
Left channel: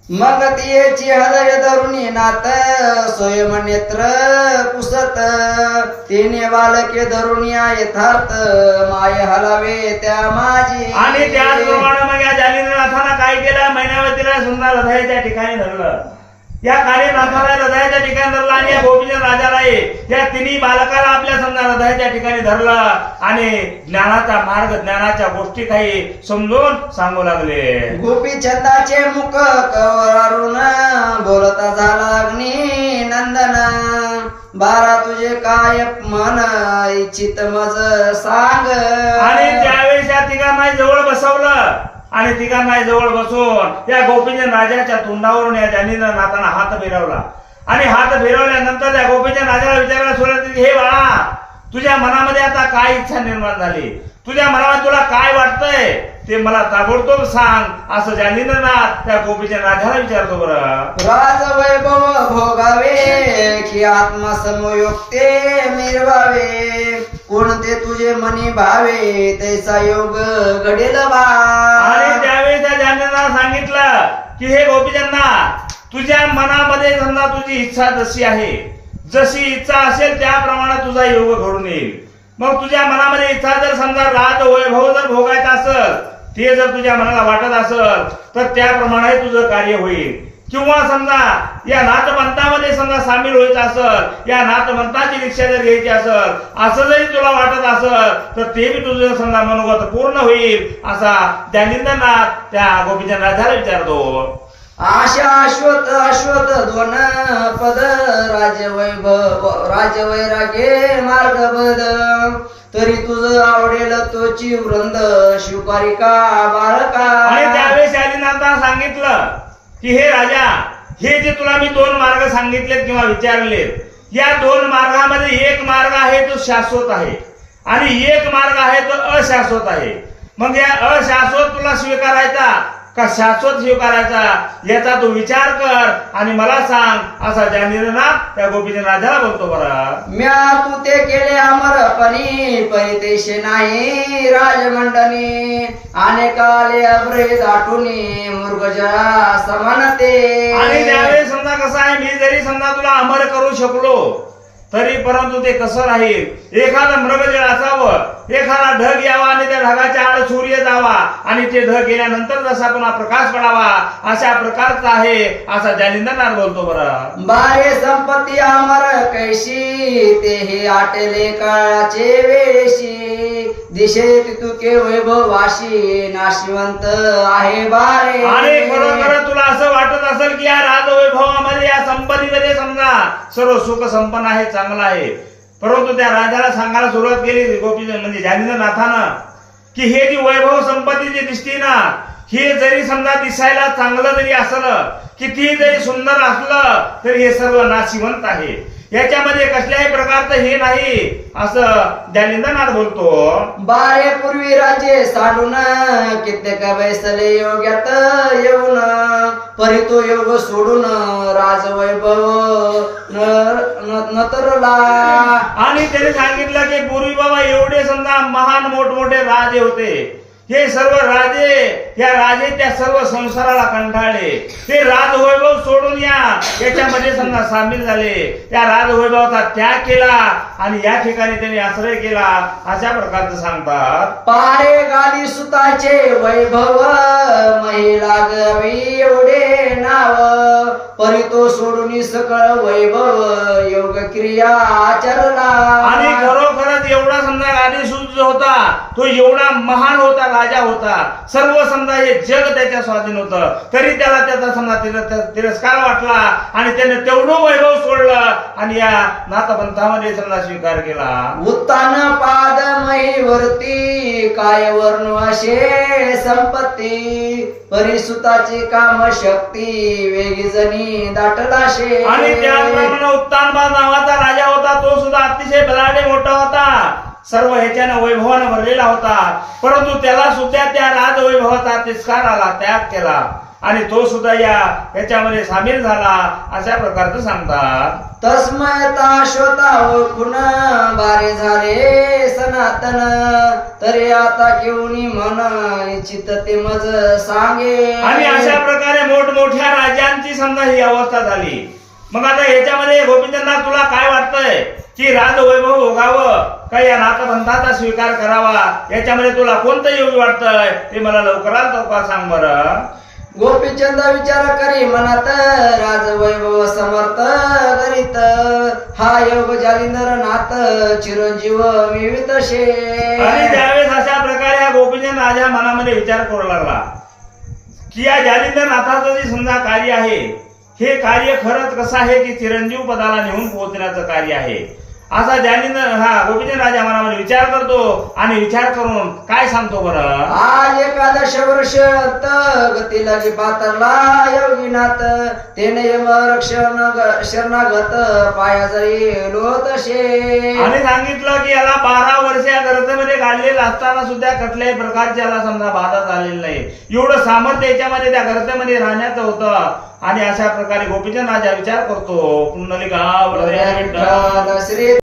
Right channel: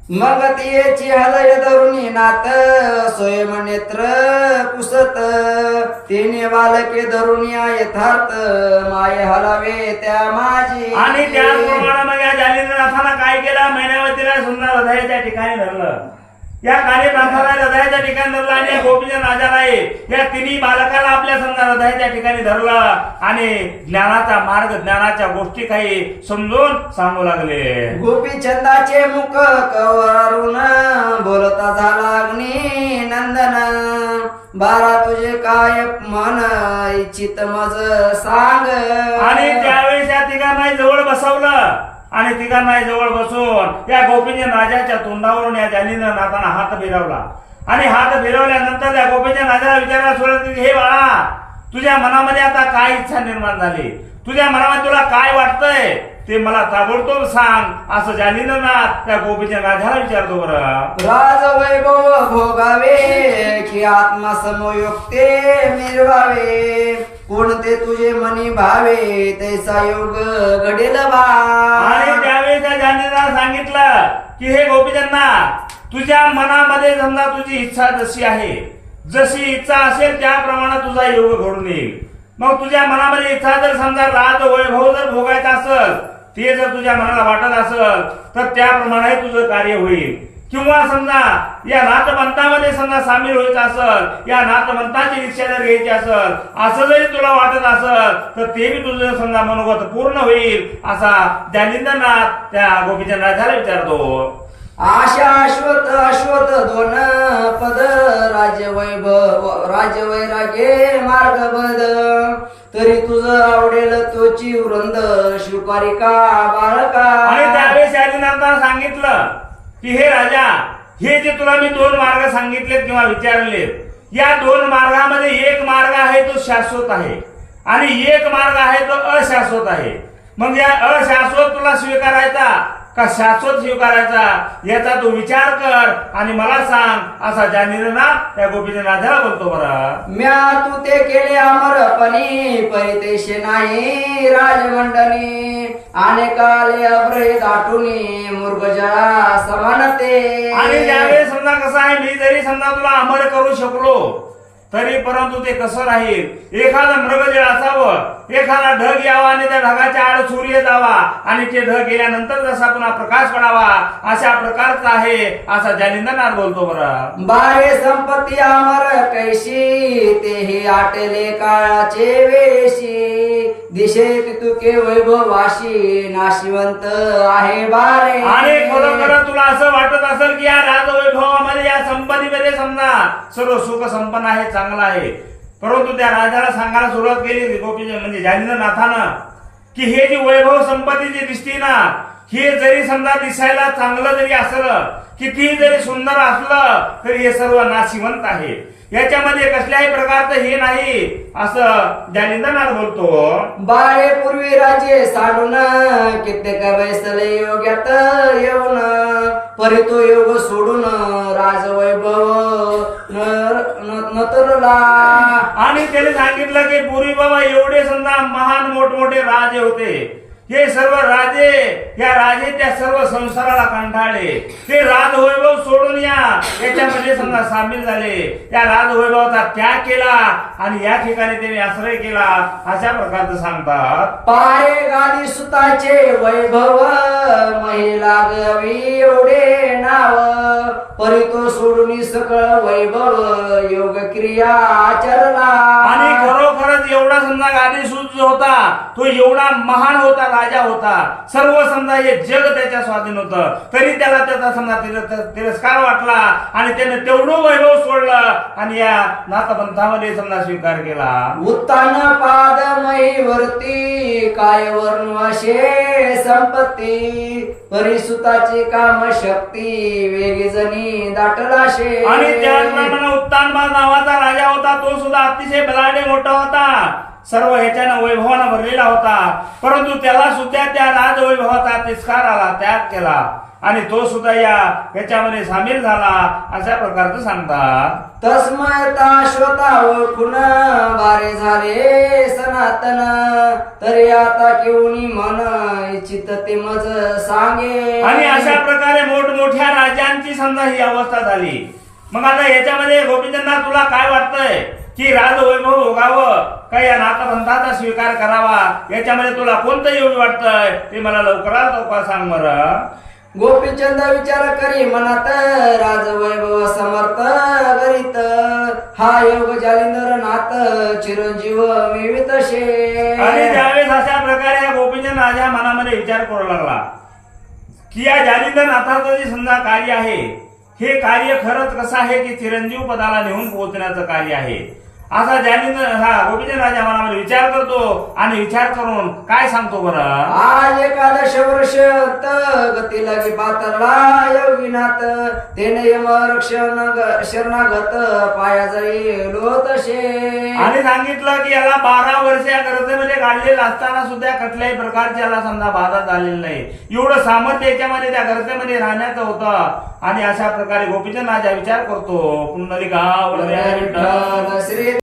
मग तिची हृदय धरुणी नात स्वयं नेत्र पुसत तिने बालके धरून या यथार्थ माय हलावे त्या माझी. आणि त्याचप्रमाणे मग या जालिंद्रनाथानं काय केलं? मैनावतीला सुंदर हृदयाच्या ठिकाणी धरलं. या कानिनाथाला हृदयाच्या ठिकाणी धरलं आणि या गोपीचंद राजाला या तिन्ही बालकाला आपल्या समजा हृदयाच्या ठिकाणी धरलं आणि ज्ञानाचा मार्ग ज्ञानाच्या गोष्टी काही समजून सांगू लागले. गोपीचंदाचे मुख कवरून बोलता झाला अग्नी नंदन 12 तुझे काय मन इच्छित मज सांग. आणि त्यावेळेस या तिघांना जवळ बसवलं आणि तिघांना जवळ बसून या गोपीचंद राजाच्या तोंडावरून या जालिंद्रनाथानं हात फिरवला आणि हात फिरवल्यानंतर त्या गोपीचंद राजाला विचारायला सुरुवात केली, हे बाळा तुझ्या मनामध्ये आता काय इच्छा निर्माण झाली? तुझ्या मनामध्ये तुला काय वाटतंय ते मला ताबडतोब सांग असं जालिंद्रनाथ त्या गोपीचंद राजाला विचारतो. बरं राजवैभव भोगावे की आत्मसमयोक्ते मिरवावे कोणते तुझे मनी भावे तैसा योग घडेल बा. आणि त्यावेळी त्या जालिंद्रनाथ सांगितलं की हे गोपीचंदा तुझ्या मनामध्ये समजा तुझी इच्छा जशी आहे, जशी इच्छा असेल त्याप्रमाणे तुझा योग घडून येईल. मग तुझ्या मनामध्ये इच्छा जर समजा राज वैभव जर भोगायचा असेल, ते जर तुझ्या मनाला वाटत असेल तर त्याप्रमाणे तुझं कार्य होईल. किंवा समजा या नाथपंथामध्ये समजा सामील व्हायचं असेल, या नाथपंथाची दीक्षा जर घ्यायची असेल असं जरी तुला वाटत असेल तर ते बी तुझं समजा मनोगत पूर्ण होईल असा जालिंद्रनाथ त्या गोपीचंद राजाला विचारतो. आशा अश्वत दोन पद राजवैरागे मार्गबद तरी तुझं आवडेल तोची वृंद शिवकारिका बालका. आणि त्यावेळेस जालिंद्रनाथानं सांगितलं की हे राजा, हे जे तुला मी 2 मार्ग सांगितलेत किंवा विचारलेत, या 2 मार्गामध्ये एक मार्ग आहे तो शाश्वत आहे आणि एक मार्ग आहे तो अशाश्वत आहे. मग या अशाश्वत तुला स्वीकारायचा का शाश्वत स्वीकारायचा याचा तू विचार कर आणि मला सांग असा जालिंद्रनाथ त्या गोपीचंद राजाला बोलतो. बरं म्या तू ते केले अमरपणी परितेशे नाही राजमंडनी अनेकाले अभ्रे दाटुनी मृगजळा समानते. आणि त्यावेळेस समजा कसं आहे, मी जरी समजा तुला अमर करू शकलो तरी परंतु ते कसं राहील? एखादा मृगजळ असावं, एखादा ढग यावा आणि त्या ढगाच्या आड सूर्य जावा आणि ते ढग गेल्यानंतर जसा पुन्हा प्रकाश पडावा अशा प्रकारचा आहे असा जालिंद्रनाथ बोलतो. बरं बारे संपत्ती अमर कैशी तेही आटले काळाचे वेशी दिशे तुके वैभवाशी नाशिवंत आहे बारे. आणि खरोखर तुला असं वाटत असेल की या राजवैभवामध्ये या संपत्तीमध्ये समजा सर्व सुख संपन्न आहे, चांगला आहे, परंतु त्या राजाला सांगायला सुरुवात केली गोपीचंद म्हणजे जालिंद्रनाथानं की हे जी वैभव संपत्ती जी दिसते ना, हे जरी समजा दिसायला चांगलं जरी असलं, किती जरी सुंदर असलं तरी हे सर्व नाशिवंत आहे, याच्यामध्ये कसल्याही प्रकारचं हे नाही असं जालिंद्रनाथ बोलतो. बारे पूर्वी राज्य साडून कित्येक बैसले योग्यात येऊन परी तो योग सोडून राजवैभव नतरला. आणि आणि त्याने सांगितलं की पूर्वी बाबा एवढे समजा महान मोठमोठे राजे होते, हे सर्व राजे या राजे त्या सर्व संसाराला कंटाळले, ते राजवैभव सोडून याच्यामध्ये समजा सामील झाले, त्या राजवैभवाचा त्याग केला आणि या ठिकाणी त्यांनी आश्रय केला, अशा प्रकारचं सांगतात. पारे गादी सुताचे वैभव महिला गवी एवढे नाव, परी तो सोडून सकळ वैभव योग क्रिया आचरला. आणि खरोखरच एवढा समजा गादी सुत होता, तो एवढा महान होता, राजा होता, सर्व समजा हे जग त्याच्या स्वाधीन होतं, तरी त्याला त्याचा समजा तिरस्कार वाटला आणि त्याने तेवढं वैभव सोडलं आणि या नाथपंथामध्ये समजा स्वीकार केला. उत्तान पाद महीवरती काय वर्ण असे संपत्ती, परिसुताची काम शक्ती वेगी जणी दाटलाशे. आणि त्याचप्रमाणे उत्तानपाद नावाचा राजा होता, तो सुद्धा अतिशय बलाढ्य मोठा होता, सर्व ह्याच्यानं वैभवानं भरलेला होता, परंतु त्याला सुद्धा त्या राजवैभवाचा तिरस्कार आला, त्याग केला आणि तो सुद्धा याच्यामध्ये सामील झाला, अशा प्रकारचं सांगतात. तस्मयता श्रोता ओळखून बारे झाले सनातन, तरी आता केवणी मन इच्छित ते मज सांगे. आणि अशा प्रकारे मोठमोठ्या राजांची समजा ही अवस्था झाली. मग आता याच्यामध्ये गोपीचंदा तुला काय वाटतंय की राजवैभव भोगावं का या नाथपंथाचा स्वीकार करावा, याच्यामध्ये तुला कोणतं योग्य वाटतंय ते मला लवकरात लवकर सांग बरं. गोपीचंद विचार करी मनात राजवैभव समर्थ करीत, हा योग जालिंदर नाथ चिरंजीव मिवितशे. आणि त्यावेळेस अशा प्रकारे गोपीचंद राजा मनामध्ये विचार करू लागला की या जालिंदर नाथाचं जे समजा कार्य आहे, हे कार्य खरंच कसं आहे की चिरंजीव पदाला नेऊन पोहोचण्याचं कार्य आहे, असा गोपीचंद राजा मनामध्ये विचार करतो आणि विचार करून काय सांगतो बरं. आज एकादश वर्ष गती लगी पातरला योगीनाथ, तेने यम रक्षण शरणागत पाया जाई लोतशे. आणि सांगितलं की याला 12 वर्ष या गर्भेमध्ये काढलेलं असताना सुद्धा कुठल्याही प्रकारची याला समजा बाधा झालेली नाही, एवढं सामर्थ्य याच्यामध्ये त्या गर्भेमध्ये राहण्याचं होतं. आणि अशा प्रकारे गोपीचंद राजा विचार करतो, पुंडलिका वरदे विठ्ठल श्री